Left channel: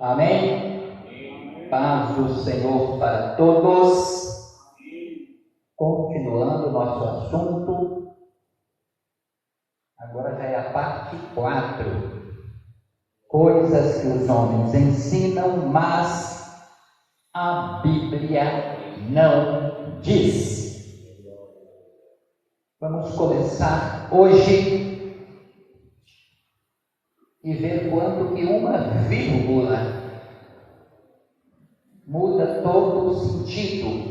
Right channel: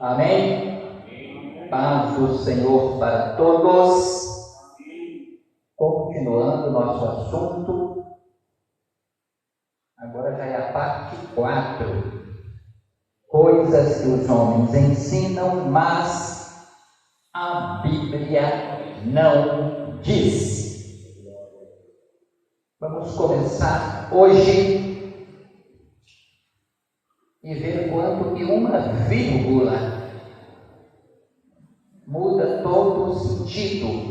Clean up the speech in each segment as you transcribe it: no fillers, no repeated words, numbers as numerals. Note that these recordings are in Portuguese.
Amém? Paz do Senhor para todos. Continuando nosso assunto, agora já é a parte 4. Coisas que os homens ensinam, mas a Bíblia não diz. Vamos começar hoje e ver quando que uma vírgula muda todo o sentido.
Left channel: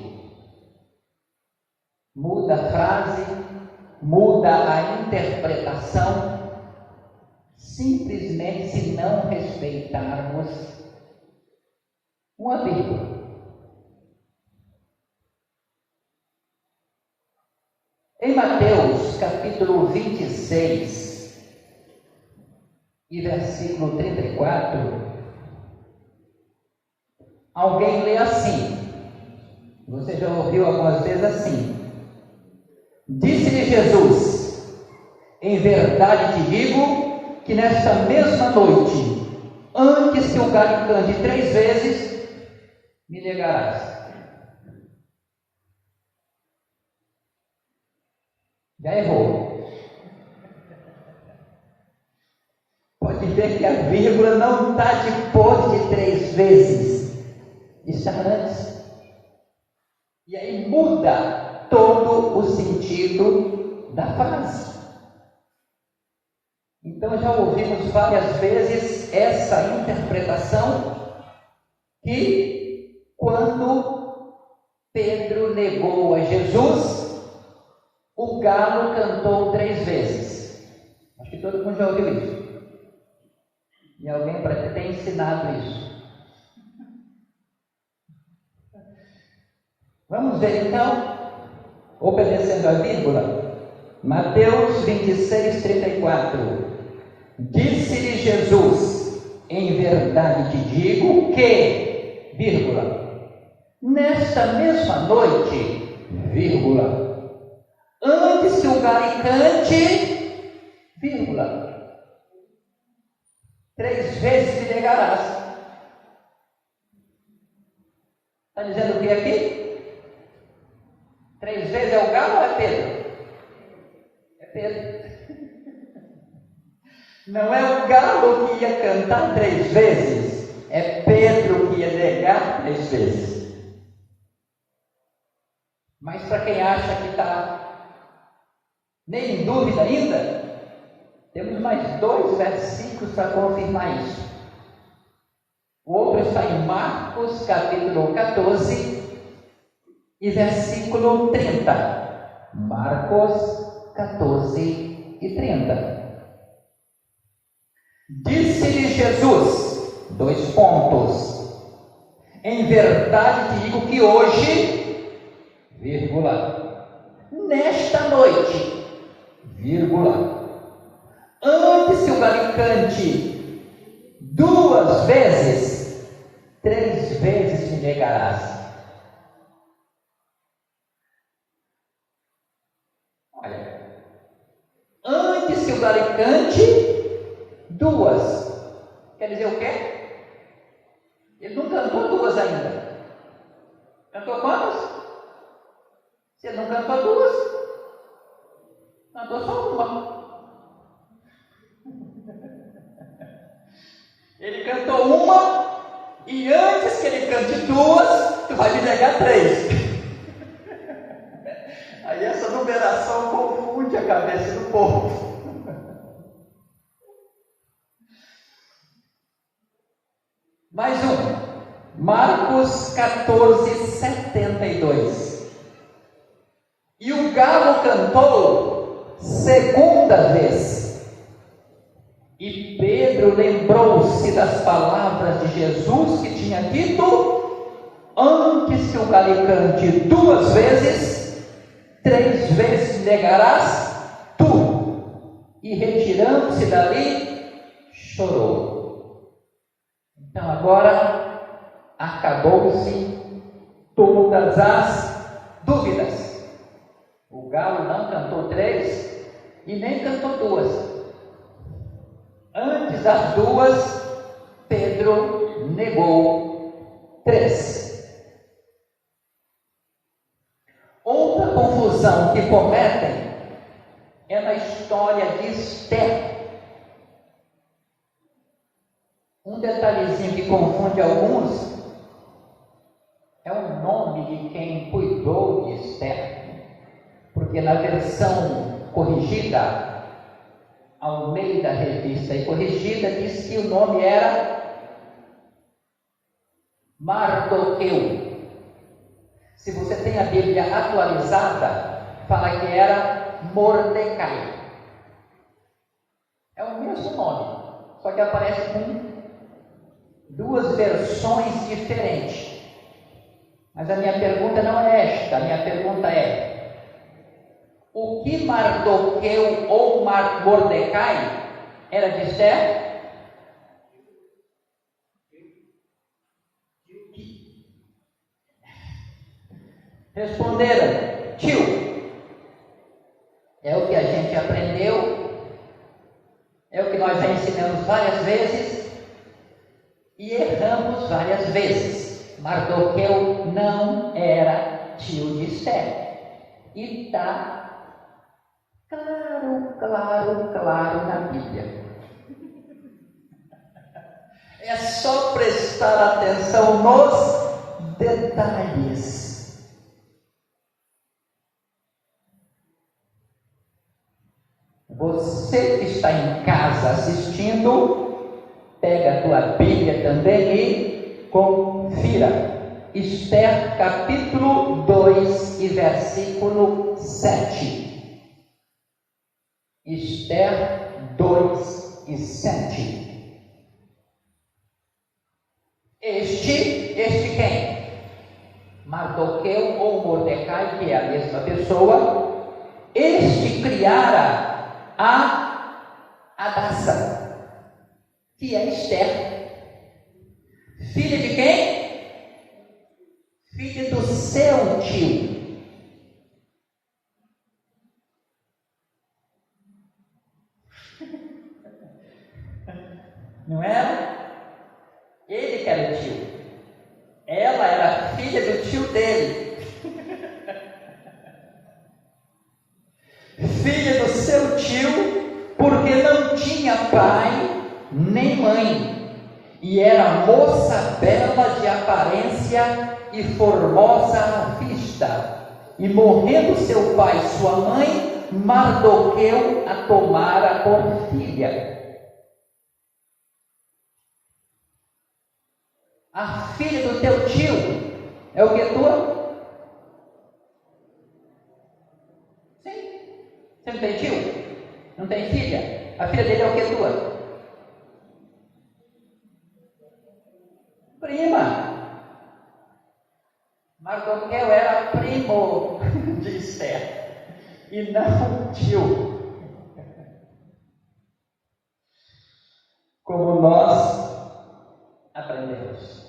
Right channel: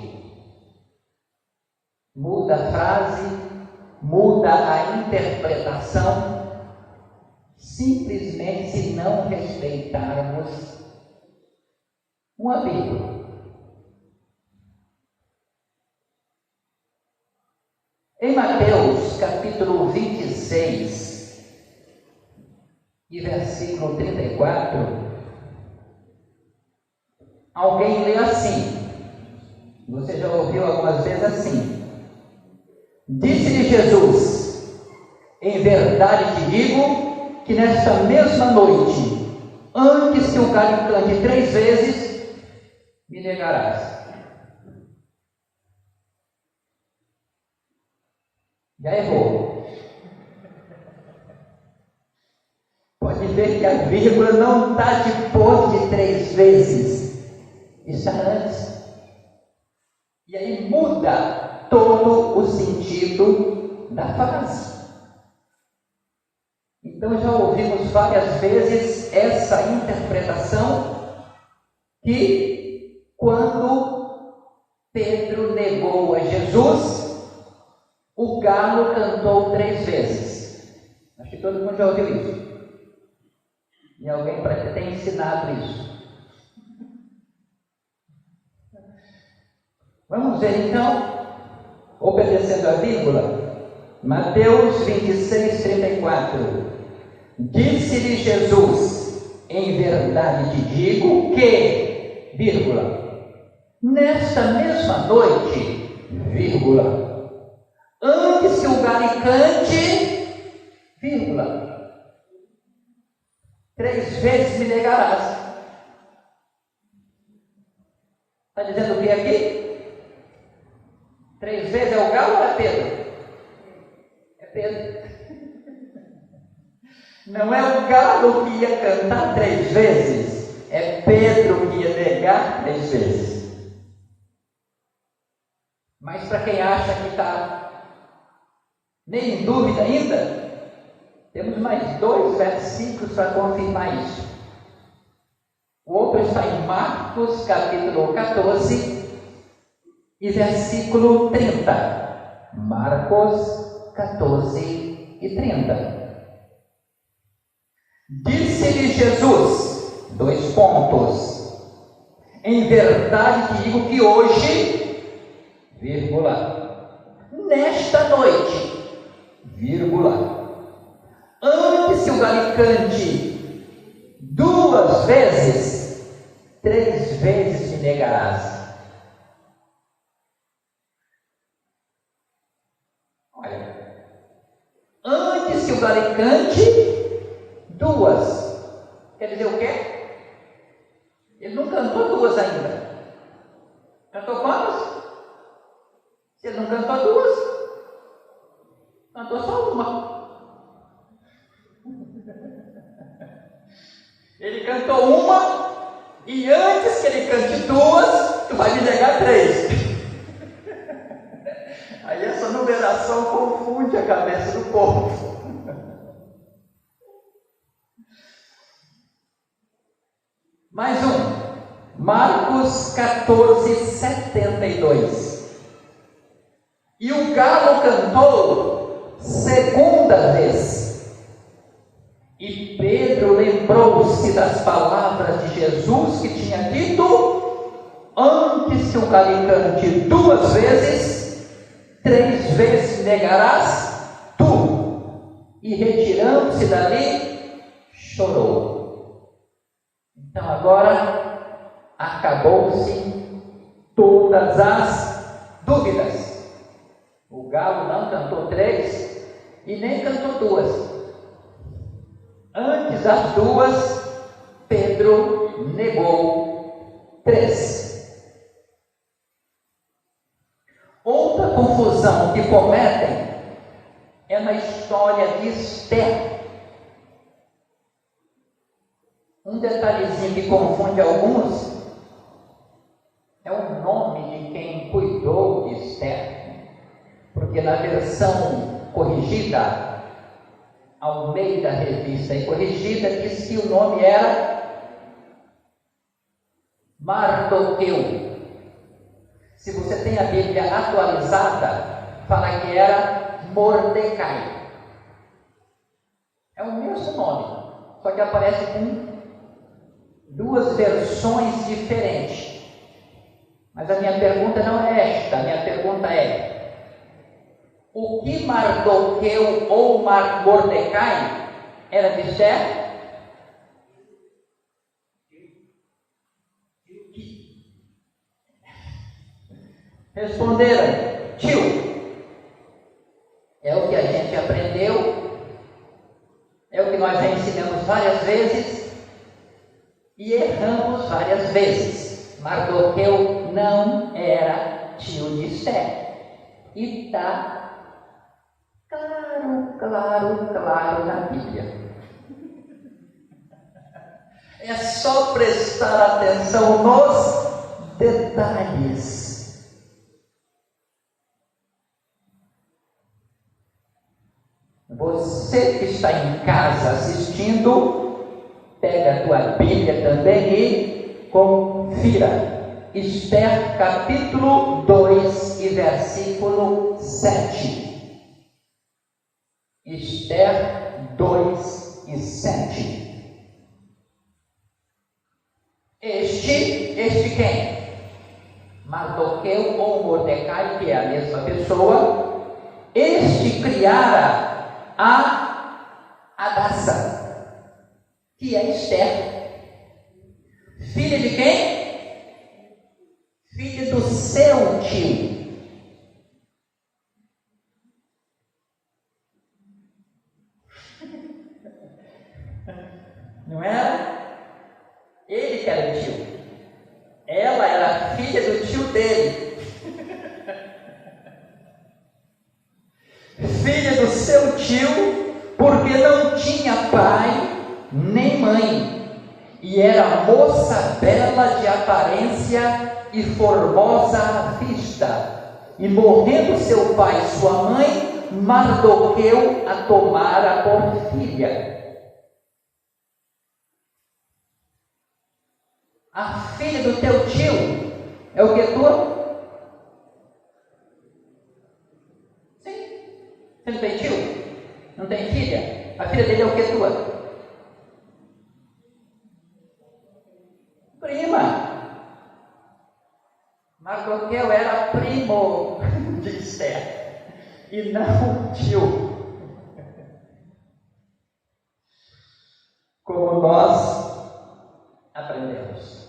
Muda a frase, muda a interpretação, simplesmente se não respeitarmos uma vírgula. Em Mateus capítulo 26 e versículo 34, alguém lê assim, você já ouviu algumas vezes assim: disse-lhe Jesus, em verdade te digo que nesta mesma noite, antes que o galho cante 3 vezes, me negarás. Já errou. Pode ver que a vírgula não está depois de 3 vezes, está antes. E aí muda todo o sentido da frase. Então já ouvimos várias vezes essa interpretação que quando Pedro negou a Jesus, o galo cantou 3 vezes. Acho que todo mundo já ouviu isso. E alguém parece ter ensinado isso. Vamos ver então, obedecendo a vírgula, Mateus 26, 34. Disse-lhe Jesus, em verdade te digo que, vírgula, nesta mesma noite, vírgula, antes que o galho cante, vírgula, 3 vezes me negarás. Está dizendo o que aqui? 3 vezes é o galo ou é Pedro? É Pedro. Não é o galo que ia cantar 3 vezes, é Pedro que ia negar 3 vezes. Mas para quem acha que está nem em dúvida ainda, temos mais 2 versículos para confirmar isso. O outro está em Marcos capítulo 14 e versículo 30. Marcos 14 e 30. Disse-lhe Jesus, 2 pontos, em verdade te digo que hoje, vírgula, nesta noite, vírgula, antes que o galho cante 2 vezes, 3 vezes me negarás. Olha, antes que o galho cante 2, quer dizer o quê? Ele não cantou 2 ainda. Cantou quantas? Se ele não cantou 2, cantou só 1. Ele cantou 1 e antes que ele cante 2, tu vai me negar 3. Aí essa numeração confunde a cabeça do povo. Mais Marcos 14, 72. E o galo cantou 2ª vez. E Pedro lembrou-se das palavras de Jesus que tinha dito: antes que o galho cante 2 vezes, 3 vezes negarás tu. E retirando-se dali, chorou. Então agora acabou-se todas as dúvidas. O galo não cantou 3 e nem cantou 2. Antes das 2, Pedro negou 3. Outra confusão que cometem é na história de Esther. Um detalhezinho que confunde alguns é o nome de quem cuidou de Esther, porque na versão corrigida, ao meio da revista e corrigida, diz que o nome era Mardoqueu. Se você tem a Bíblia atualizada, fala que era Mordecai. É o mesmo nome, só que aparece com 2 versões diferentes. Mas a minha pergunta não é esta, a minha pergunta é: o que Mardoqueu ou Mordecai era de Esther? Responderam: tio. É o que a gente aprendeu, é o que nós já ensinamos várias vezes e erramos várias vezes. Mardoqueu não era tio de Esther. E está claro na Bíblia. É só prestar atenção nos detalhes. Você que está em casa assistindo, pega a tua Bíblia também e confira. Esther capítulo 2 e versículo 7. Esther 2 e 7. Este quem? Mardoqueu ou Mordecai, que é a mesma pessoa. Este criara a Hadassah, que é Esther, filha de quem? Filha do seu tio. Não era? Ele que era o tio. Ela era filha do tio dele. Filha do seu tio, porque não tinha pai nem mãe, e era moça bela de aparência e formosa à vista. E morrendo seu pai e sua mãe, Mardoqueu a tomara por filha. A filha do teu tio é o que tua? Você não tem tio? Não tem filha? A filha dele é o que tua? Prima. Mardoqueu era primo de Esther e não tio. Como nós aprendemos.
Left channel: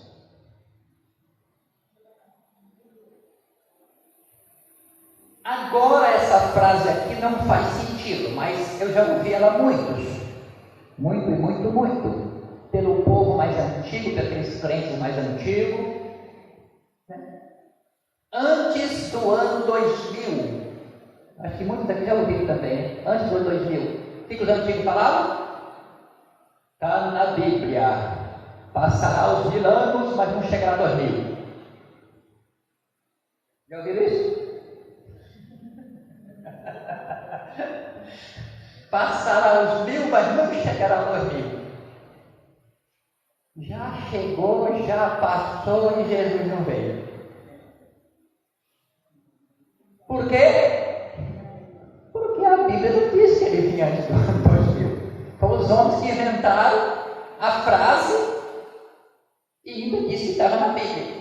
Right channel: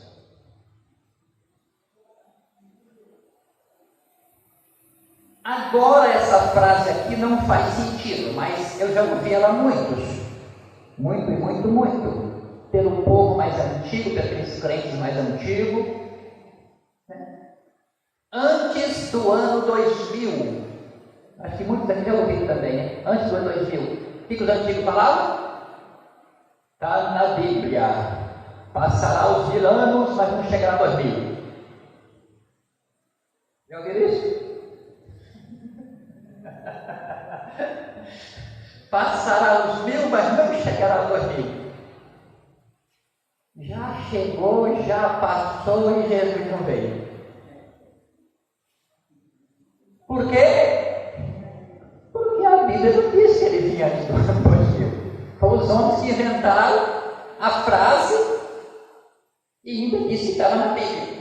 Agora essa frase aqui não faz sentido, mas eu já ouvi ela muito, pelo povo mais antigo, pelos crentes mais antigos, né? Antes do ano 2000, acho que muitos aqui já ouviram também, antes do ano 2000, o que os antigos falavam? Está na Bíblia, passará os 1000 anos, mas não chegará a 2000. Já ouviram isso? Passará os 1000, mas não chegará aos 2000. Já chegou, já passou e Jesus não veio. Por quê? Porque a Bíblia não disse que ele vinha antes do ano 2000. Foram os homens que inventaram a frase e ainda disse que estava na Bíblia.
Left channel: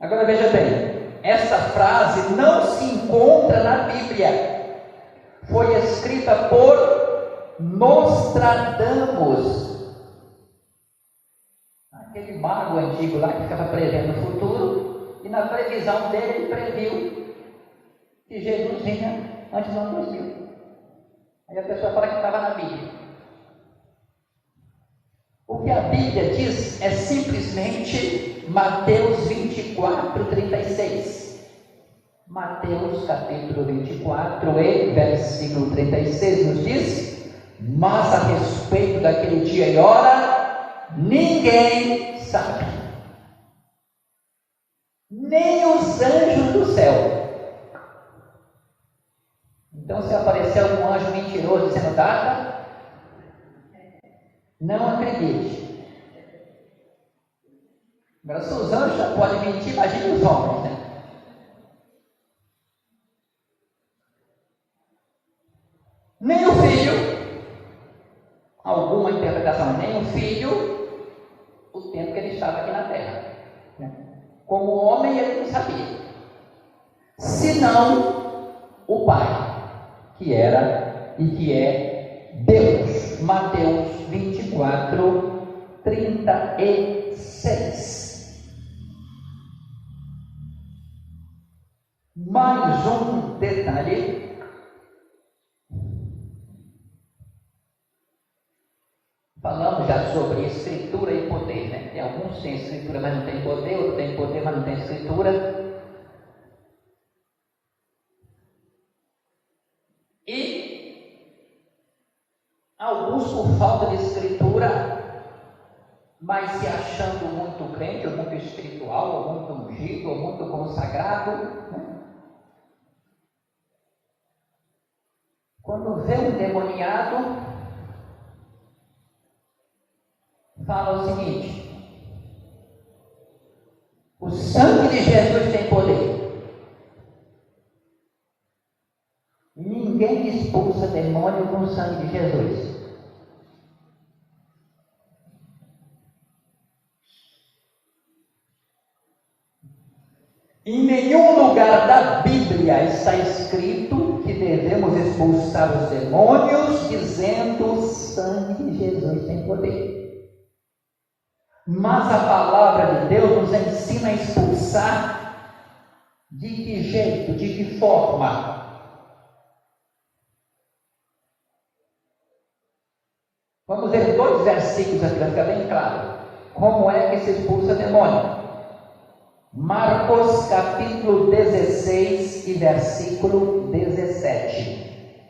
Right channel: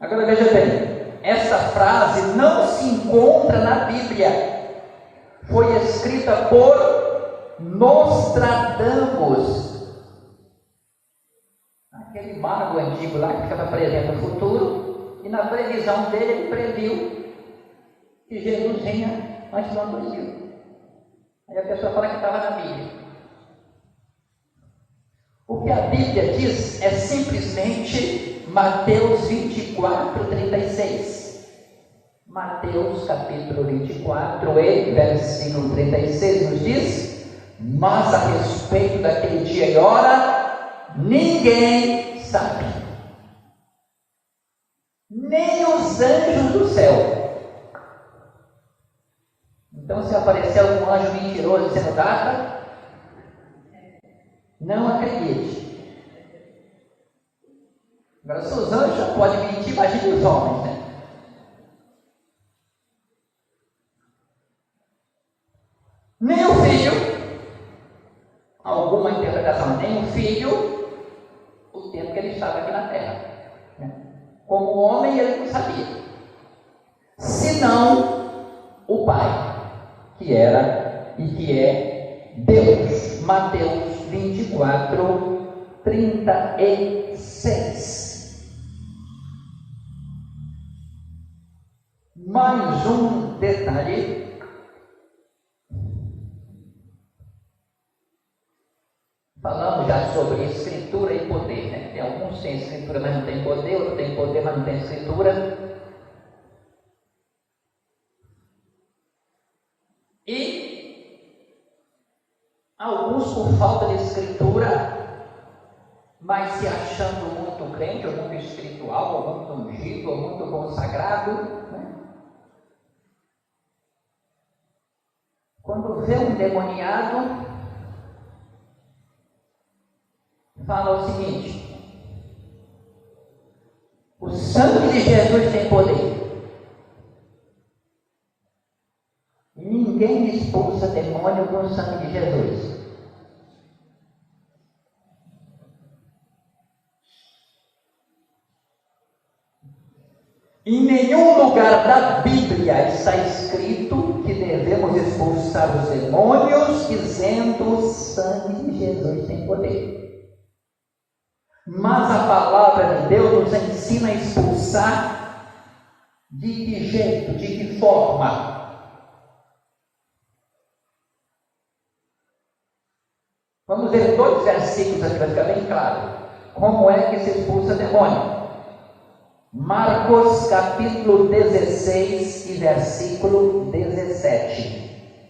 Agora veja bem. Essa frase não se encontra na Bíblia. Foi escrita por Nostradamus, aquele mago antigo lá que ficava prevendo o futuro, e na previsão dele ele previu que Jesus vinha antes do ano 2000. E a pessoa fala que estava na Bíblia. O que a Bíblia diz é simplesmente Mateus 24, 36. Mateus capítulo 24 e versículo 36 nos diz: mas a respeito daquele dia e hora, ninguém sabe, nem os anjos do céu. Então, se aparecer algum anjo mentiroso dizendo data, não acredite. Agora, se os anjos já podem mentir, imagine os homens, né? Nem o filho, alguma interpretação, nem o filho, o tempo que ele estava aqui na terra. Como homem, ele não sabia. Senão o Pai, que era e que é Deus. Mateus 24, 36. Mais um detalhe. Falamos já sobre escritura e poder, né? Tem alguns que têm escritura, mas não tem poder, outros têm poder, mas não tem escritura. E alguns por falta de escritura, mas se achando muito crente, ou muito espiritual, ou muito ungido, ou muito consagrado, né? Quando vê um demoniado, fala o seguinte: o sangue de Jesus tem poder. Ninguém expulsa demônio com o sangue de Jesus. Em nenhum lugar da Bíblia está escrito que devemos expulsar os demônios dizendo o sangue de Jesus tem poder. Mas a palavra de Deus nos ensina a expulsar de que jeito, de que forma? Vamos ver 2 versículos aqui para ficar bem claro. Como é que se expulsa demônio? Marcos capítulo 16 e versículo 17.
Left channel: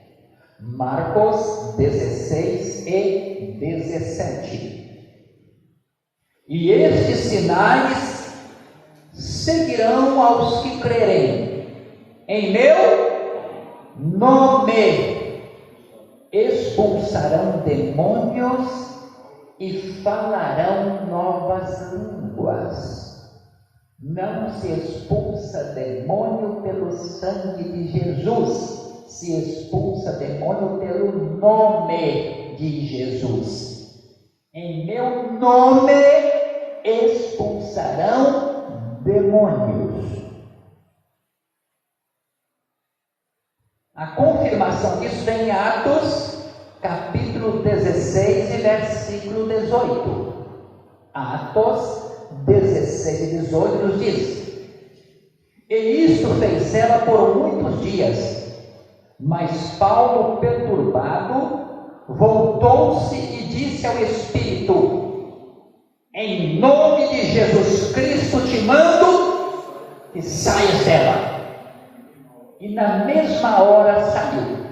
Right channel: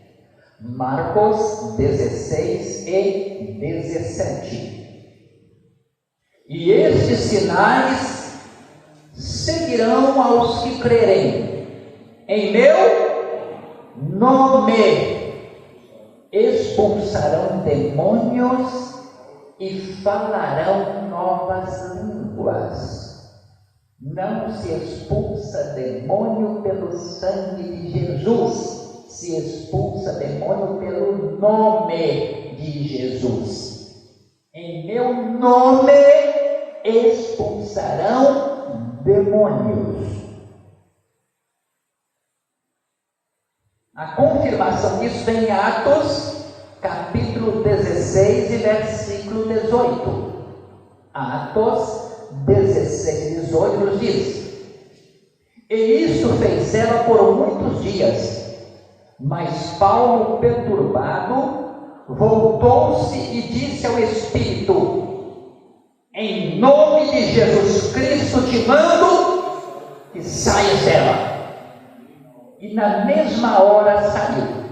Marcos 16 e 17. E estes sinais seguirão aos que crerem. Em meu nome expulsarão demônios e falarão novas línguas. Não se expulsa demônio pelo sangue de Jesus, se expulsa demônio pelo nome de Jesus. Em meu nome expulsarão demônios. A confirmação disso vem em Atos, capítulo 16 e versículo 18. Atos 16 e 18 nos diz: e isto fez ela por muitos dias, mas Paulo, perturbado, voltou-se e disse ao Espírito: em nome de Jesus Cristo te mando que saias dela. E na mesma hora saiu.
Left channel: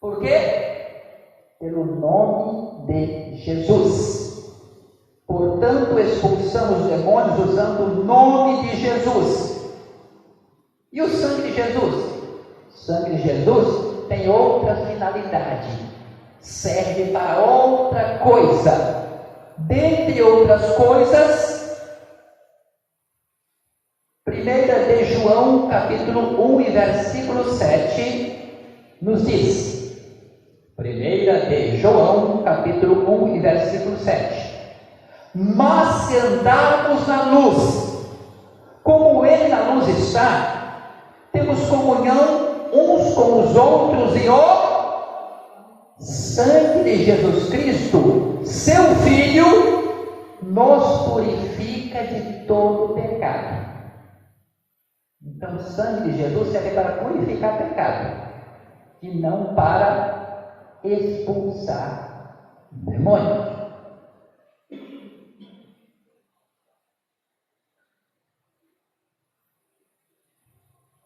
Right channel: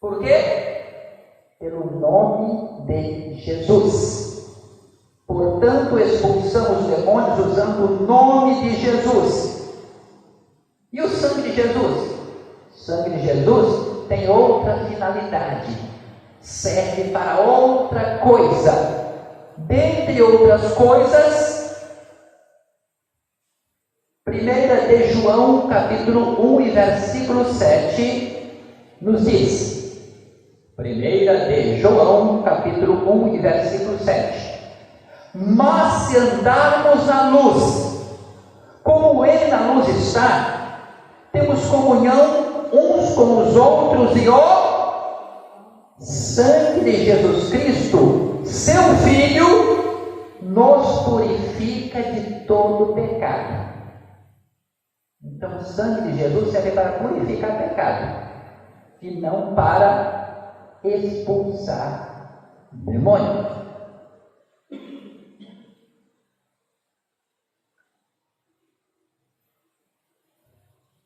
Por quê? Pelo nome de Jesus. Portanto, expulsamos os demônios usando o nome de Jesus. E o sangue de Jesus? O sangue de Jesus tem outra finalidade. Serve para outra coisa. Dentre outras coisas, 1 de João, capítulo 1 e versículo 7, nos diz. 1 de João, capítulo 1 e versículo 7. Mas se andarmos na luz, como Ele na luz está, temos comunhão uns com os outros, e o sangue de Jesus Cristo, seu Filho, nos purifica de todo pecado. Então, o sangue de Jesus serve para purificar pecado. e não para expulsar demônios.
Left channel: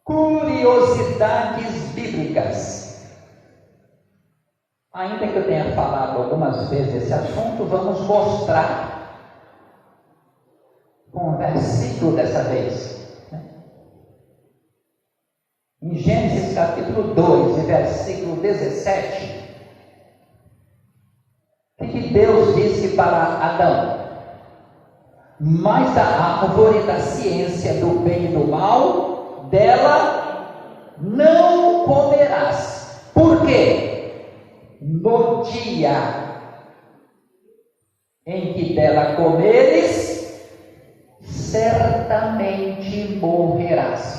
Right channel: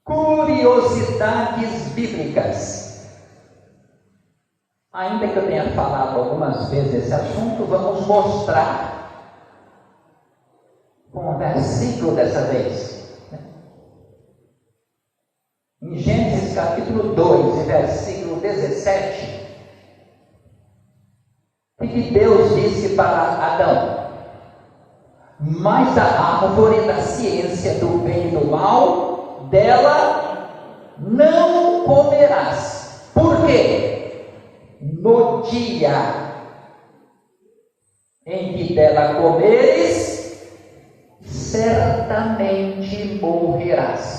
Curiosidades bíblicas. Ainda que eu tenha falado algumas vezes esse assunto, vamos mostrar um versículo dessa vez. Em Gênesis capítulo 2, versículo 17, o que Deus disse para Adão? Mas da árvore da ciência do bem e do mal, dela não comerás. Por quê? No dia em que dela comeres, certamente morrerás.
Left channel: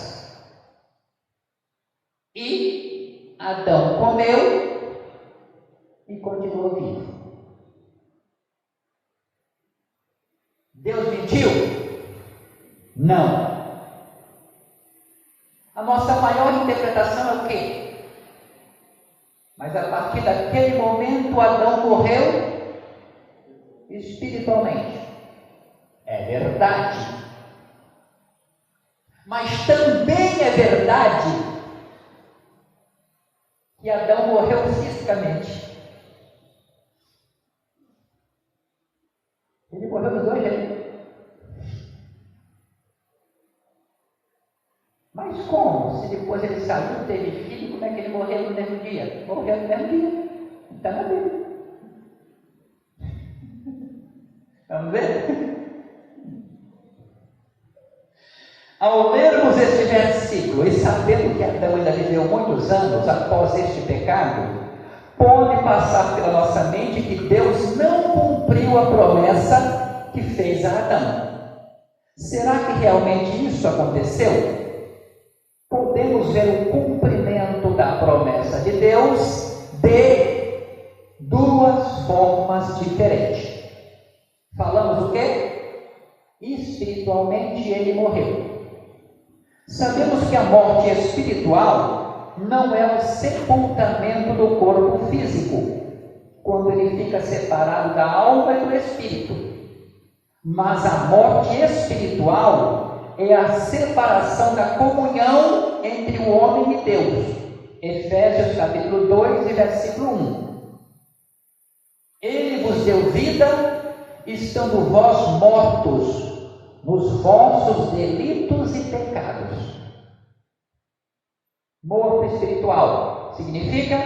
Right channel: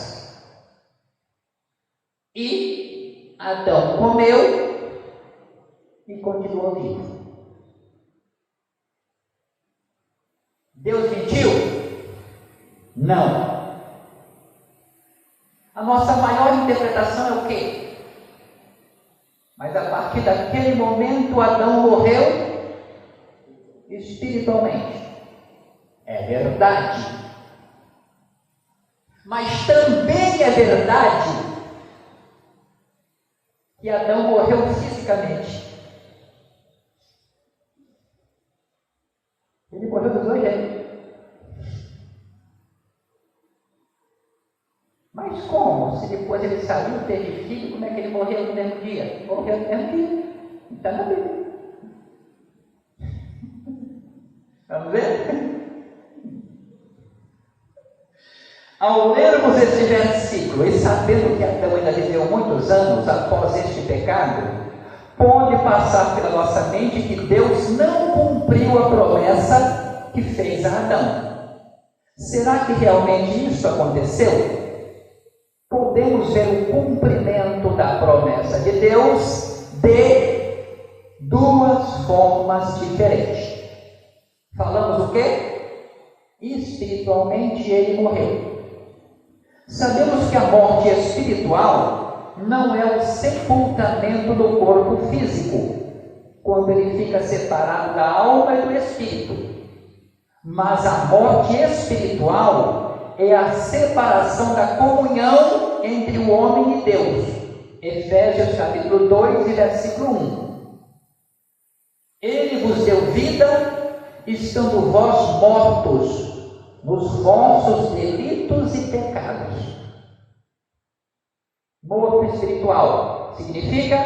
E Adão comeu e continuou vivo. Deus mentiu? Não. A nossa maior interpretação é o quê? Mas a partir daquele momento Adão morreu espiritualmente. É verdade. Mas também é verdade que Adão morreu fisicamente. Ele morreu dos dois jeitos. Mas como? Se depois ele saiu, teve filho, como é que ele morreu no mesmo dia? Morreu no mesmo dia. Está na Bíblia. Vamos ver? Ao lermos este versículo e sabendo que Adão ainda viveu muitos anos após este pecado, pode passar pela nossa mente que Deus não cumpriu a promessa que fez a Adão. Será que realmente isso aconteceu? Podemos ver o cumprimento da promessa de Deus de duas formas diferentes. Falamos o quê? Espiritualmente ele morreu. Sabemos que a morte espiritual não é o sepultamento do corpo físico, quando ele fica separado da alma e do espírito. Mas a morte espiritual é a separação da comunhão entre o homem e Deus. Efésios capítulo 2, versículo 1. Ele vos deu vida, estando vós mortos nos vossos delitos e pecados. Morto espiritual significa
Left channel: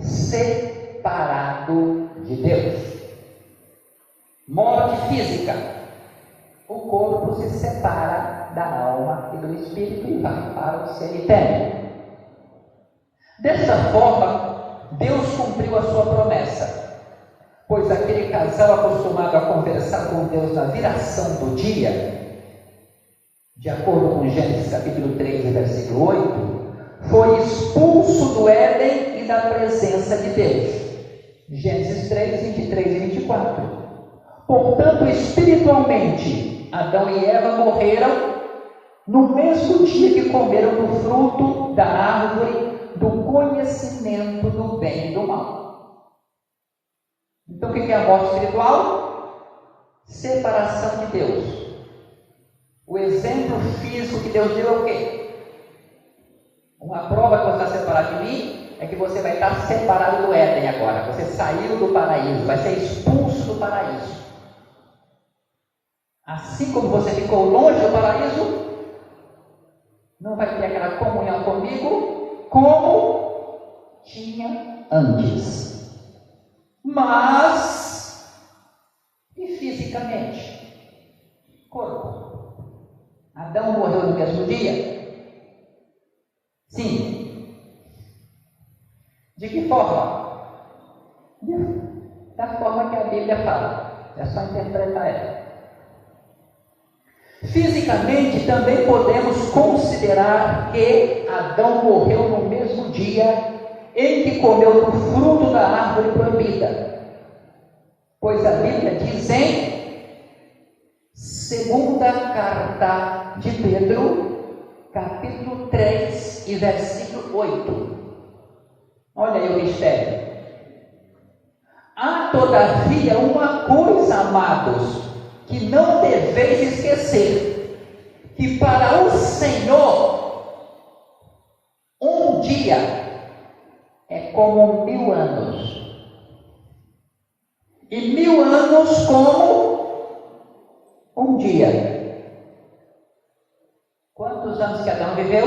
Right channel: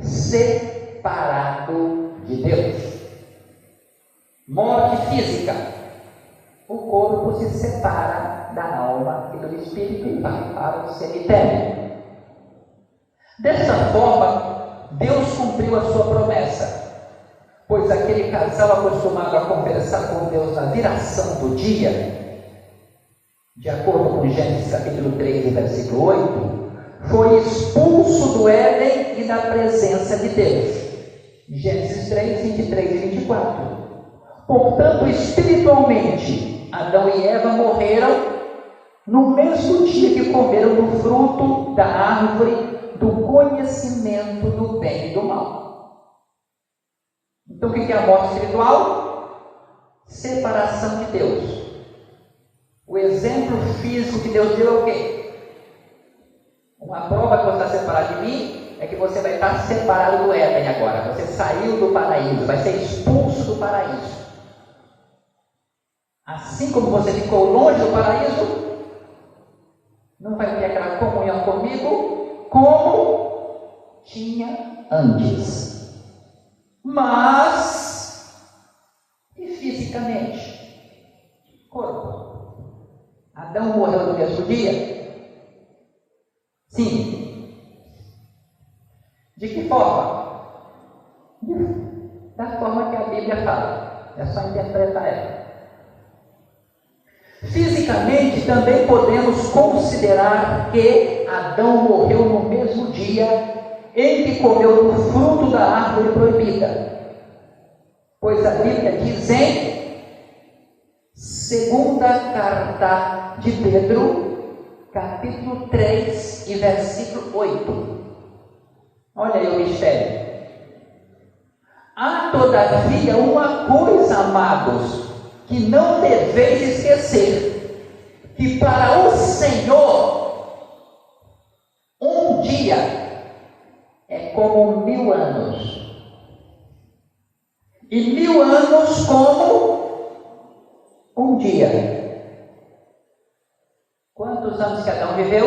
separado de Deus. Morte física, o corpo se separa da alma e do espírito e vai para o cemitério. Dessa forma, Deus cumpriu a sua promessa, pois aquele casal acostumado a conversar com Deus na viração do dia, de acordo com Gênesis capítulo 3, versículo 8, foi expulso do Éden e da presença de Deus. Gênesis 3, 23 e 24. Portanto, espiritualmente, Adão e Eva morreram no mesmo dia que comeram do fruto da árvore do conhecimento do bem e do mal. Então, o que é a morte espiritual? Separação de Deus. O exemplo físico que Deus deu é o quê? Uma prova que você está separado de mim é que você vai estar separado do Éden agora. Você saiu do paraíso, vai ser expulso do paraíso. Assim como você ficou longe do paraíso, não vai ter aquela comunhão comigo como tinha antes. Mas, e fisicamente? Corpo. Adão morreu no mesmo dia? Sim. De que forma? Da forma que a Bíblia fala. É só interpretar ela. Fisicamente, também podemos considerar que Adão morreu no mesmo dia em que comeu do fruto da árvore proibida. Pois a Bíblia diz em segunda carta de Pedro, capítulo 3 e versículo 8. Olha aí o mistério. Há todavia uma coisa, amados, que não deveis esquecer, que para o Senhor um dia é como 1000 anos, e 1000 anos como um dia. Quantos anos que Adão viveu?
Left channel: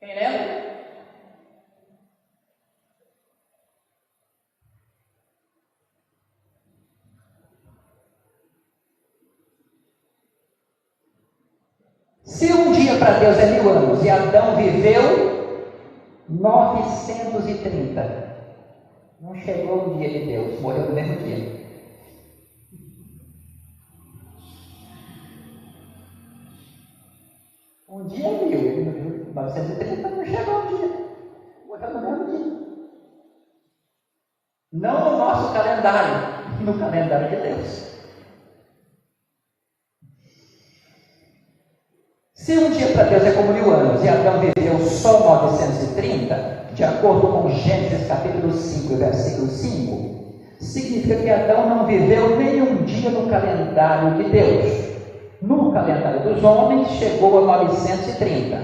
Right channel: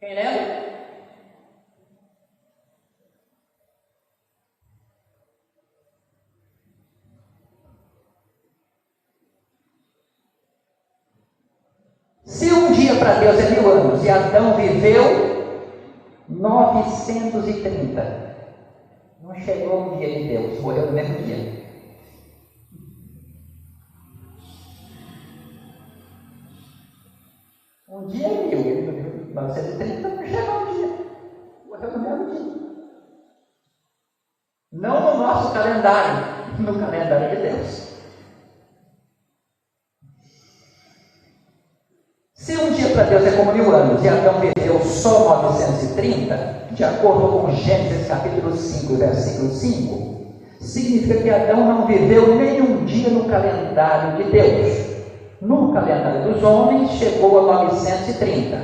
Quem lembra? Se um dia para Deus é 1000 anos e Adão viveu 930, não chegou o dia de Deus, morreu no mesmo dia. Um dia é 1000, ele viveu 930, não chegou o dia, morreu no mesmo dia. Não no nosso calendário, no calendário de Deus. Se um dia para Deus é como 1000 anos e Adão viveu só 930, de acordo com Gênesis capítulo 5, versículo 5, significa que Adão não viveu nenhum dia no calendário de Deus. No calendário dos homens chegou a 930,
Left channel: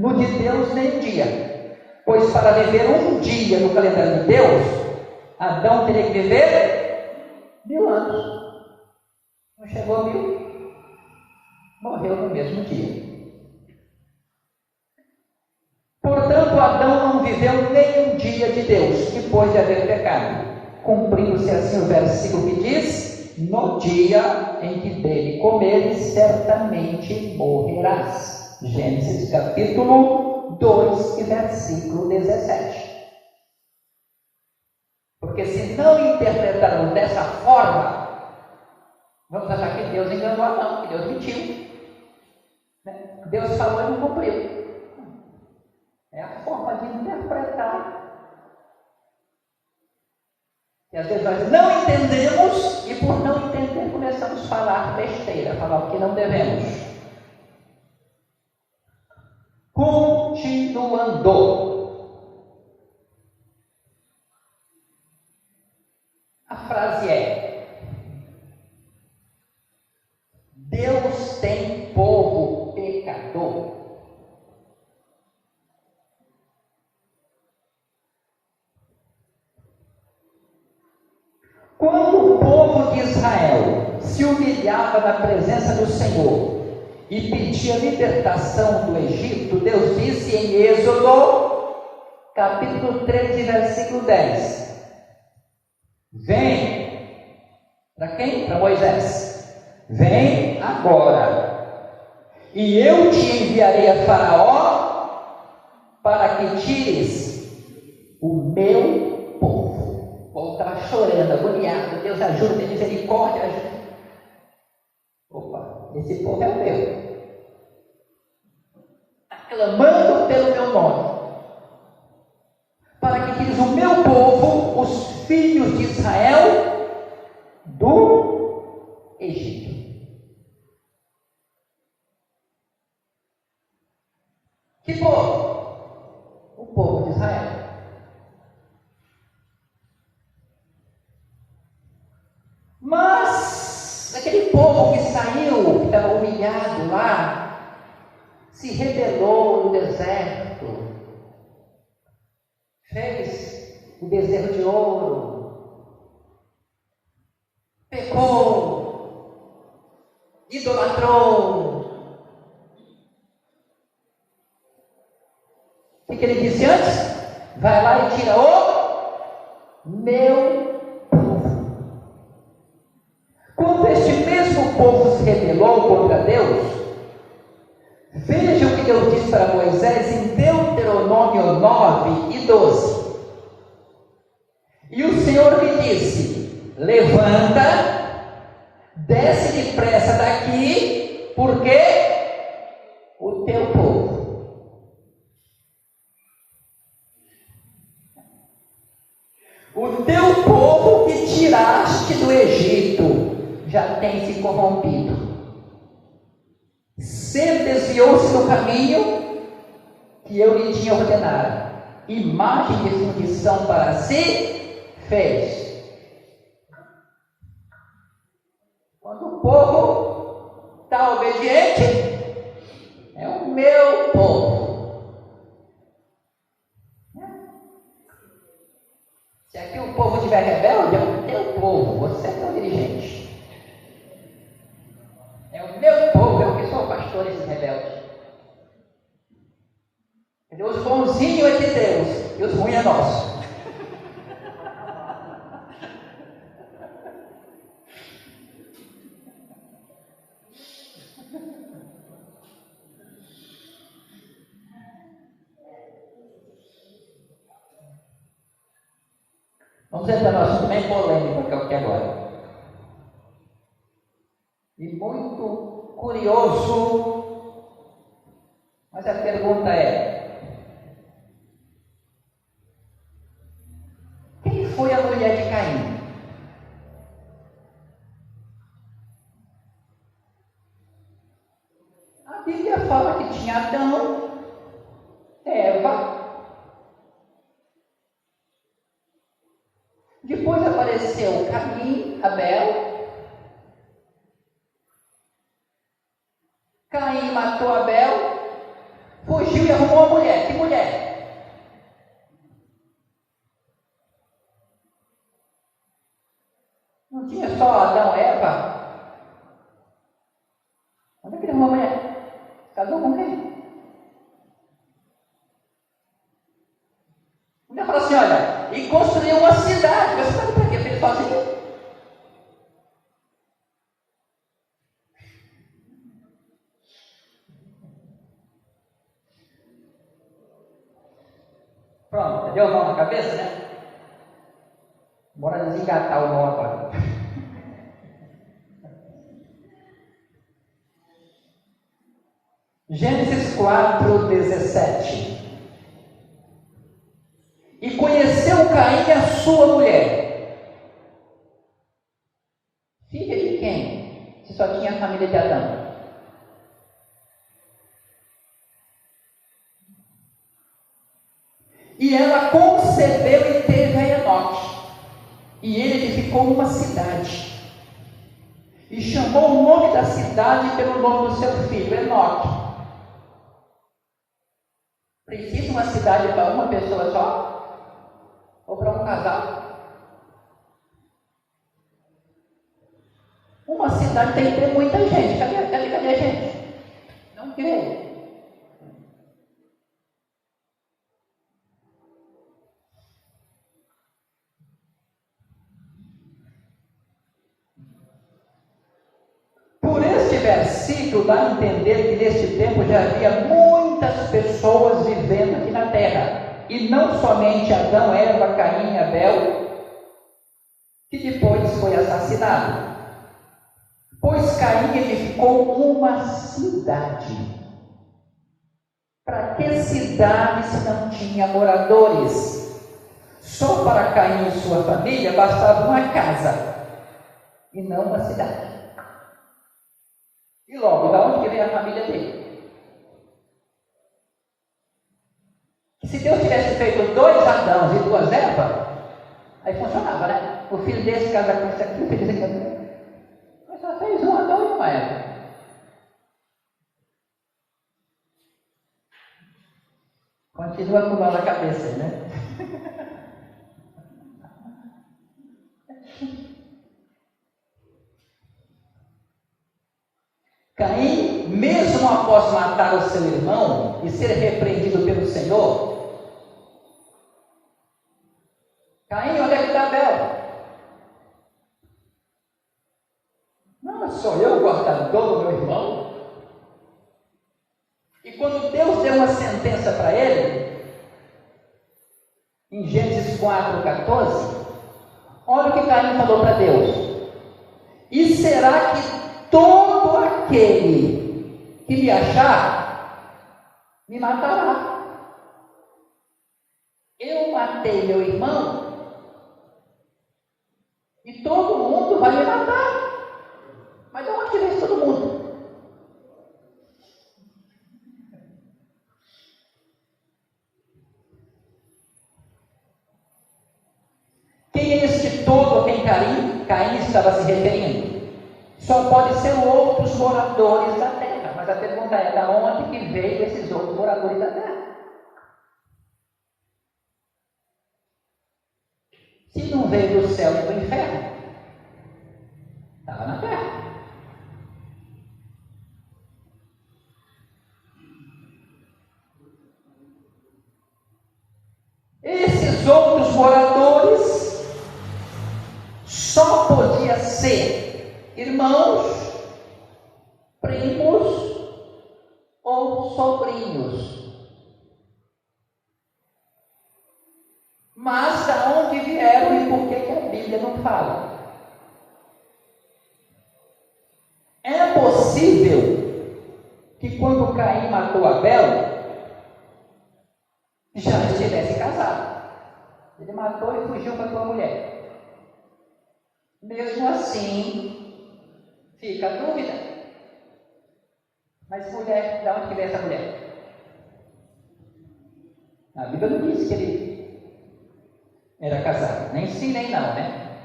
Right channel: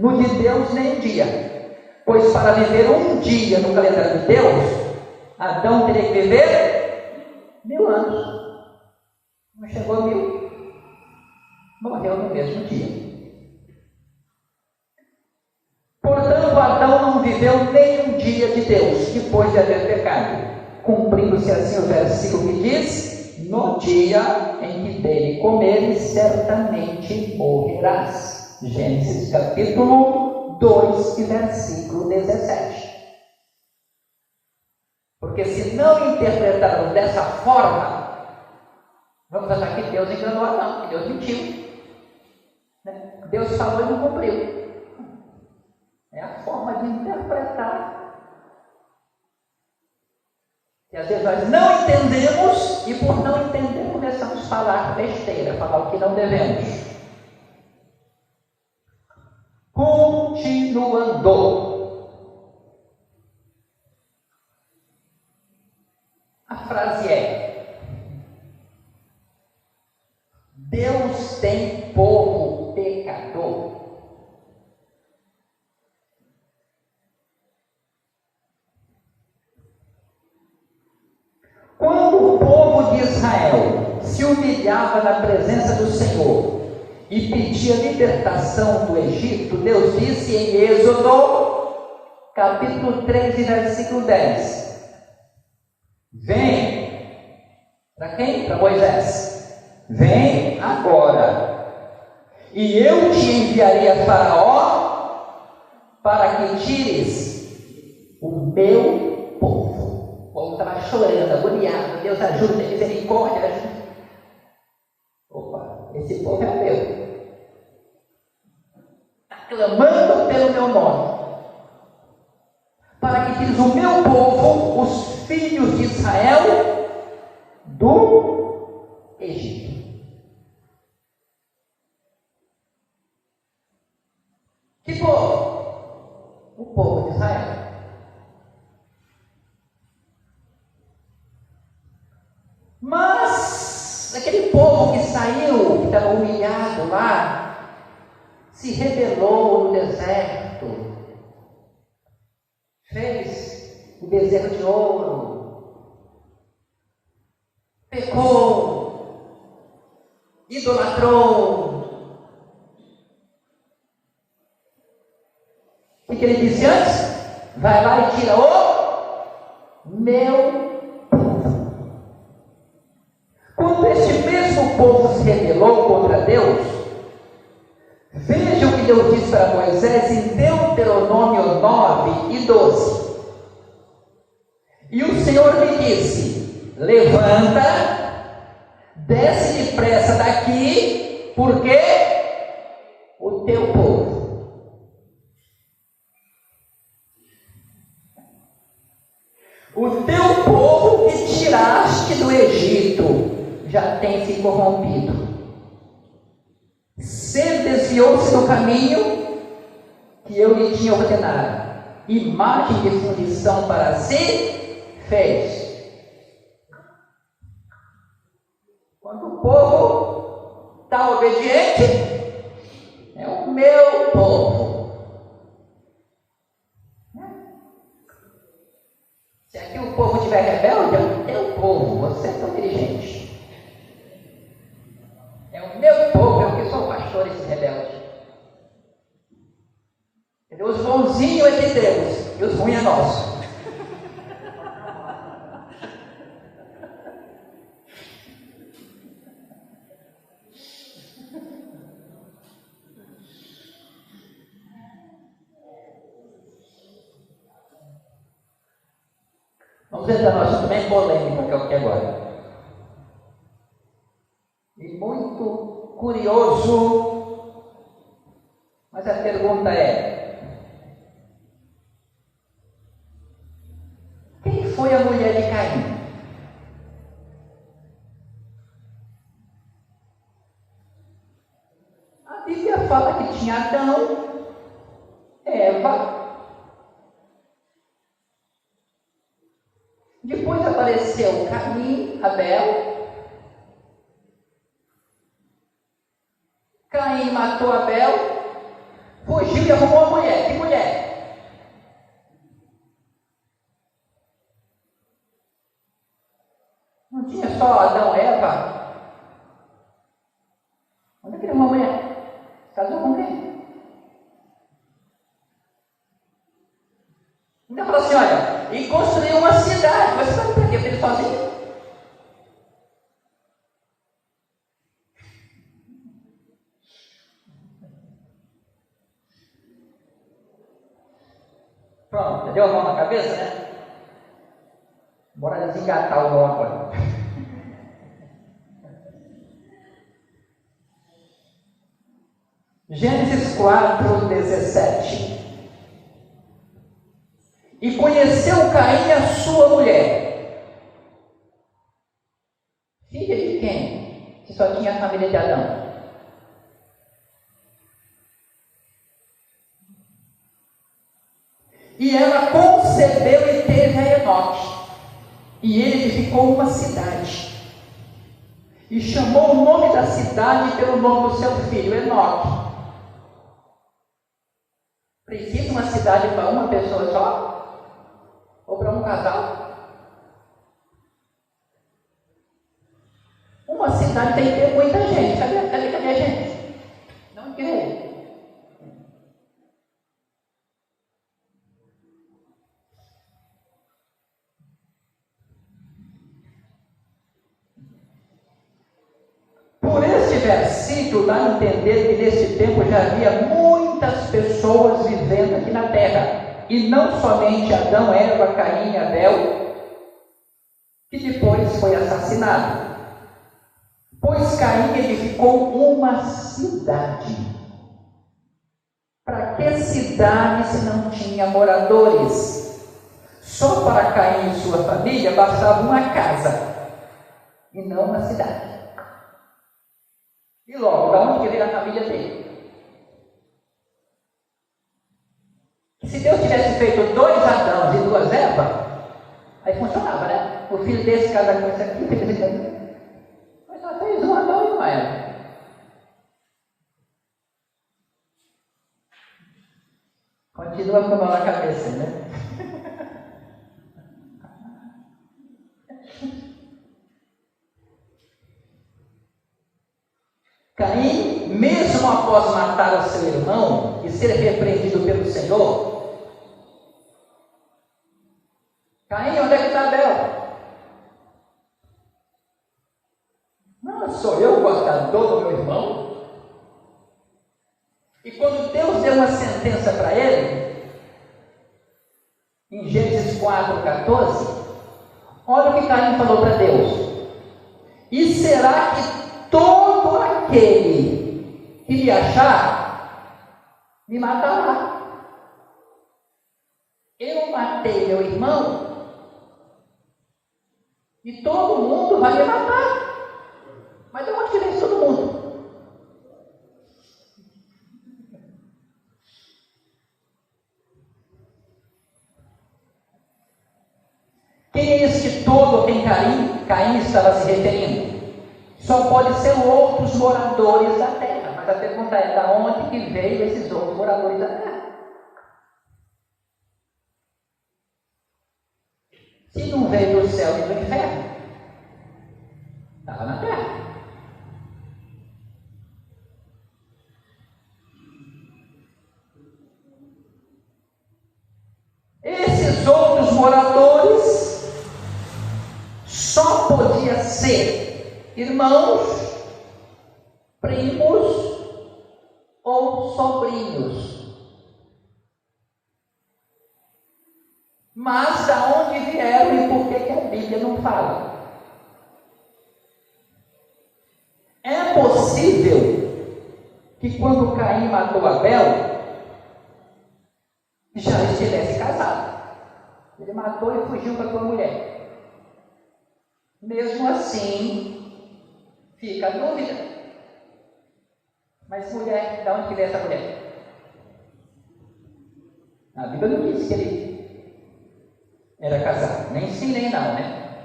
no de Deus nem dia, pois para viver um dia no calendário de Deus, Adão teria que viver 1000 anos. Não chegou a 1000, morreu no mesmo dia. Portanto, Adão não viveu nem um dia de Deus, depois de haver pecado, cumprindo-se assim o versículo que diz: no dia em que dele comeres, certamente morrerás. Gênesis capítulo 2 e versículo 17. Porque se não interpretarmos dessa forma, vamos achar que Deus enganou Adão, que Deus mentiu. Deus falou e não cumpriu. É a forma de interpretar. E às vezes nós não entendemos, e por não entender começamos a falar besteira, falar o que não devemos. Continuando. A frase é: Deus tem povo pecador. Quando o povo de Israel se humilhava na presença do Senhor e pedia libertação do Egito, Deus disse em Êxodo, capítulo 13, versículo 10: vem, para quem? Para Moisés. Vem agora, e eu te enviarei a Faraó para que tires o meu povo. O povo estava chorando, agoniado. Deus ajuda, tem misericórdia, ajuda. Opa, esse povo é meu. Está clamando pelo meu nome. Para que tires o meu povo, os filhos de Israel, do Egito. Que povo? O povo de Israel. Mas aquele povo que saiu, que estava humilhado lá, se rebelou no deserto, fez um bezerro de ouro, pecou, idolatrou. O que ele disse antes? Vai lá e tira o meu povo. Quando este mesmo povo se rebelou contra Deus, veja o que Deus disse para Moisés em Deuteronômio 9 e 12. E o Senhor me disse: levanta, desce depressa daqui, porque o teu povo. O teu povo que tiraste do Egito já tem se corrompido. Se desviou-se do caminho que eu lhe tinha ordenado, imagem de fundição para si, fez. Quando o povo está obediente, é o meu povo. Se aqui o povo estiver rebelde, é o teu povo, você é o dirigente. É o meu povo, eu que sou o pastor desse rebelde. Os bonzinhos é de Deus e os ruins é nosso. Vamos entrar no assunto bem polêmico que eu quero agora. E muito curioso, mas a pergunta é: quem foi a mulher de Caim? A Bíblia fala que tinha Adão, Eva. Depois apareceu Caim, Abel. Caim matou Abel, fugiu e arrumou uma mulher. Que mulher? Não tinha só Adão e Eva? Onde é que ele arrumou uma mulher? Casou com quem? Então falou assim: olha, e construiu uma cidade. Mas você vai ter que ele sozinho? Pronto, deu mão na cabeça, né? Bora desengatar o nó agora. Gênesis 4:17. E conheceu Caim a sua mulher. Filha de quem? Se só tinha a família de Adão. E ela concebeu e teve a Enoque. E ele edificou uma cidade. E chamou o nome da cidade pelo nome do seu filho, Enoque. Precisa uma cidade para uma pessoa só? Ou para um casal? Uma cidade tem que ter muita gente. Cadê a gente? Não creio. Por este versículo dá a entender que nesse tempo já havia muitas pessoas vivendo aqui na terra, e não somente Adão, Eva, Caim e Abel, que depois foi assassinado. Pois Caim edificou uma cidade. Para que cidade se não tinha moradores? Só para Caim e sua família bastava uma casa, e não uma cidade. E logo, da onde veio a família dele? Se Deus tivesse feito 2 Adãos e 2 Evas, aí funcionava, né? O filho desse casa com esse aqui, fez esse aqui. Mas só fez um Adão e uma Eva. Continua com a cabeça, né? Caim, mesmo após matar o seu irmão e ser repreendido pelo Senhor, Caim, onde é que está Abel? Não, sou eu o cortador do meu irmão. E quando Deus deu uma sentença para ele, em Gênesis 4:14, olha o que Caim falou para Deus: e será que todo aquele que me achar, me matará? Eu matei meu irmão, e todo mundo vai me matar. Mas de onde vem todo mundo? outros moradores da terra. Mas a pergunta é: da onde que veio esses outros moradores da terra? Se não veio do céu e do inferno, estava na terra. Esses outros moradores só podiam ser irmãos, primos ou sobrinhos. Mas da onde vieram e por que a Bíblia não fala? É possível que quando Caim matou Abel, já estivesse casado. Ele matou e fugiu com a sua mulher. Mesmo assim, fica a dúvida. Mas mulher, de onde que veio essa mulher? A Bíblia não diz que ele era casado. Nem sim, nem não, né?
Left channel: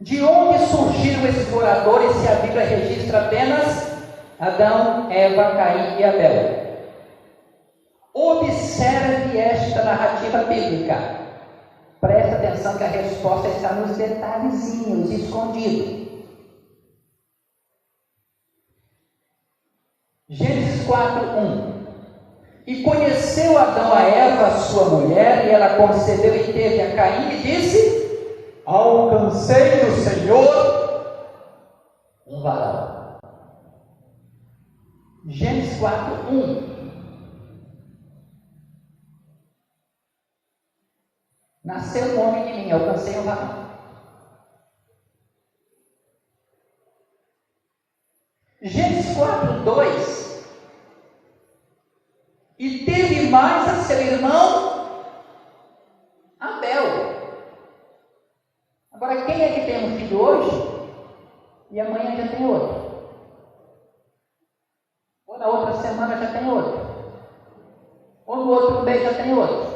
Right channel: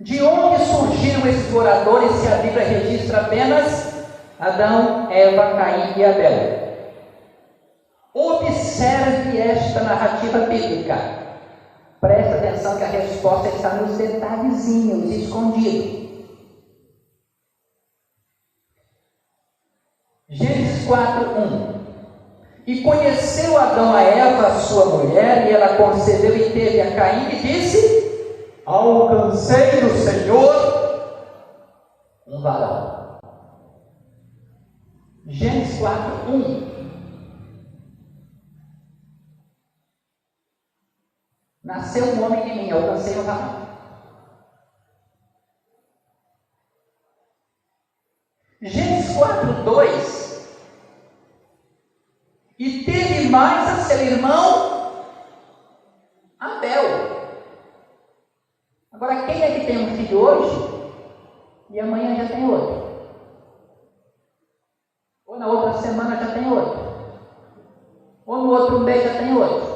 De onde surgiram esses moradores se a Bíblia registra apenas Adão, Eva, Caim e Abel? Observe esta narrativa bíblica. Presta atenção que a resposta está nos detalhezinhos escondidos. Gênesis 4:1. E conheceu Adão a Eva, sua mulher, e ela concebeu e teve a Caim e disse: alcancei do Senhor um varão. Gênesis 4:1. Nasceu um homem de mim, alcancei um varão. Gênesis 4:2. E teve mais a seu irmão Abel. Agora, quem é que tem um filho hoje e amanhã já tem outro? Ou na outra semana já tem outro? Ou no outro mês já tem outro?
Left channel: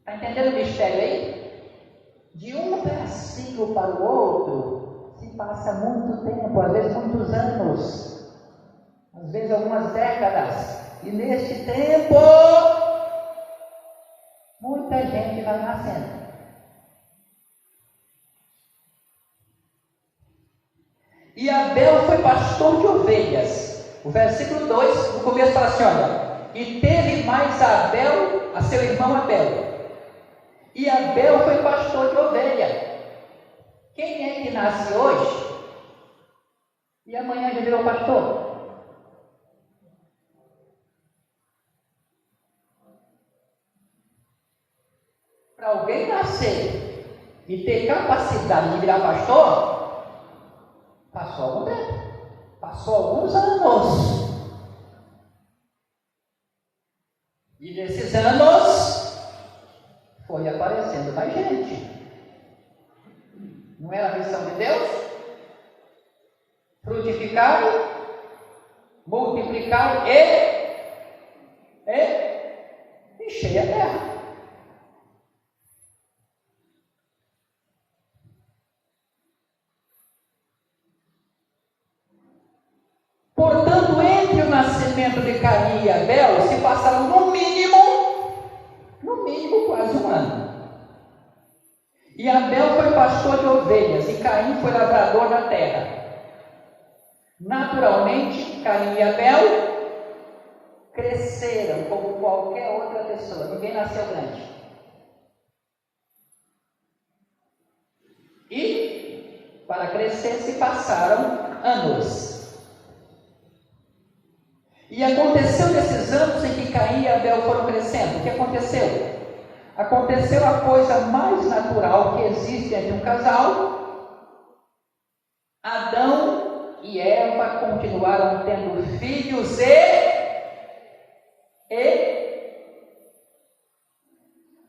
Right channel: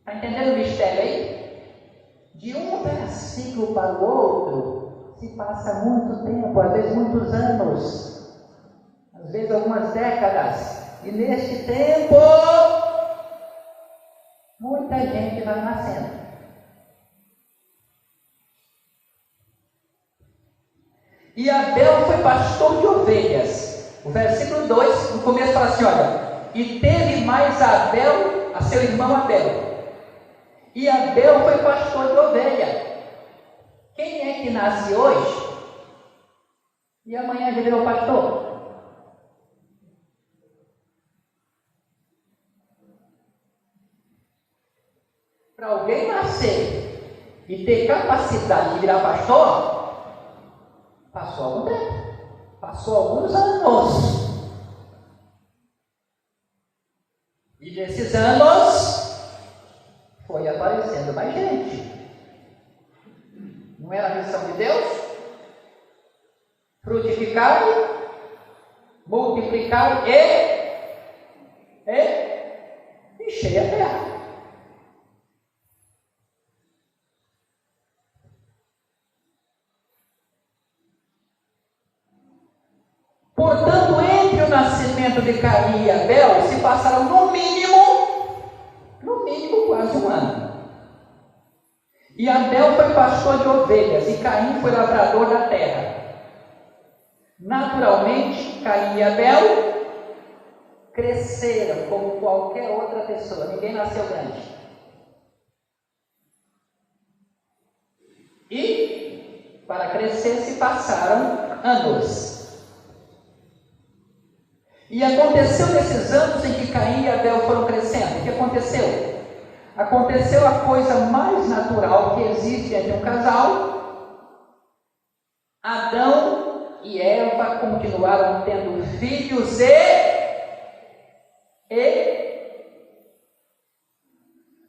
Está entendendo o mistério aí? De um versículo para o outro se passa muito tempo, às vezes muitos anos. Às vezes algumas décadas, e neste tempo, muita gente vai nascendo. E Abel foi pastor de ovelhas. O versículo 2, no começo fala assim: olha, e teve mais a Abel, a seu irmão Abel. E Abel foi pastor de ovelha. Quem é que nasce hoje e amanhã já virou pastor? Para alguém nascer e ter capacidade de virar pastor, passou algum tempo, passou alguns anos. E nesses anos foi aparecendo mais gente. Não era a missão de Deus? Frutificai, multiplicai e enchei a terra. Portanto, entre o nascimento de Caim e Abel se passaram no mínimo quase um ano. E Abel foi pastor de ovelhas e Caim foi lavrador da terra. Naturalmente, Caim e Abel cresceram como qualquer outra pessoa. Ninguém nasceu grande. E para crescer se passaram anos. E aconteceu nesses anos em que Caim e Abel foram crescendo. O que aconteceu? Aconteceu a coisa mais natural que existe entre um casal. Adão e Eva continuaram tendo filhos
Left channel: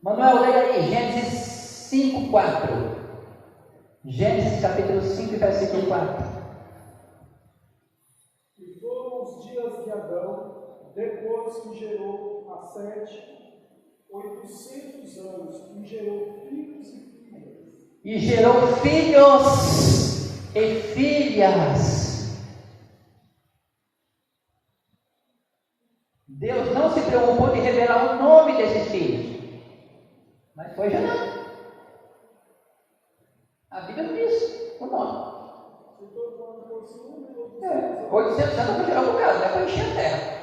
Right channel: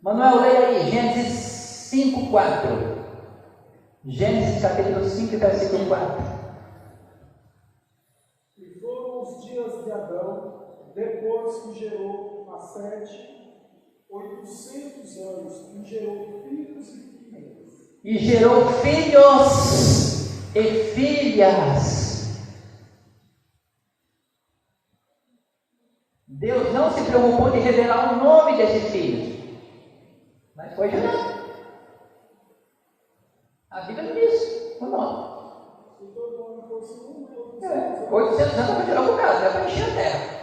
Manuel, leia aí Gênesis 5:4. Gênesis capítulo 5, versículo 4. Os dias de Adão, depois que gerou a Sete, 800 anos, e gerou filhos e filhas. E gerou filhos e filhas. Deus não se preocupou de revelar o nome desses filhos, mas foi gerado. A Bíblia não diz o nome. Se todo ano fosse um, 800 anos para gerar um bocado, é para encher a terra.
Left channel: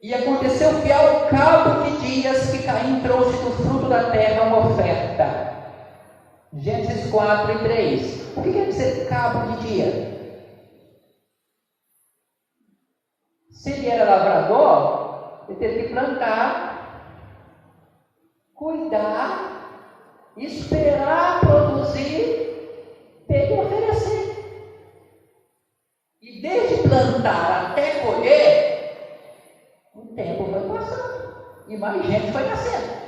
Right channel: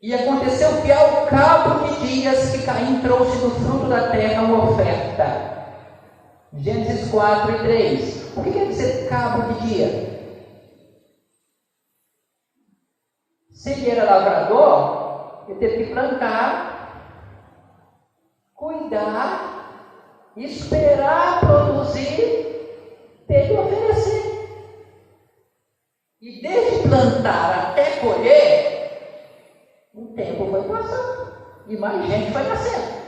E aconteceu que ao cabo de dias que Caim trouxe do fruto da terra uma oferta. Gênesis 4 e 3. O que quer dizer cabo de dia? Se ele era lavrador, ele teve que plantar, cuidar, esperar produzir, ter que oferecer. E desde plantar até colher, o tempo foi passando e mais gente foi nascendo.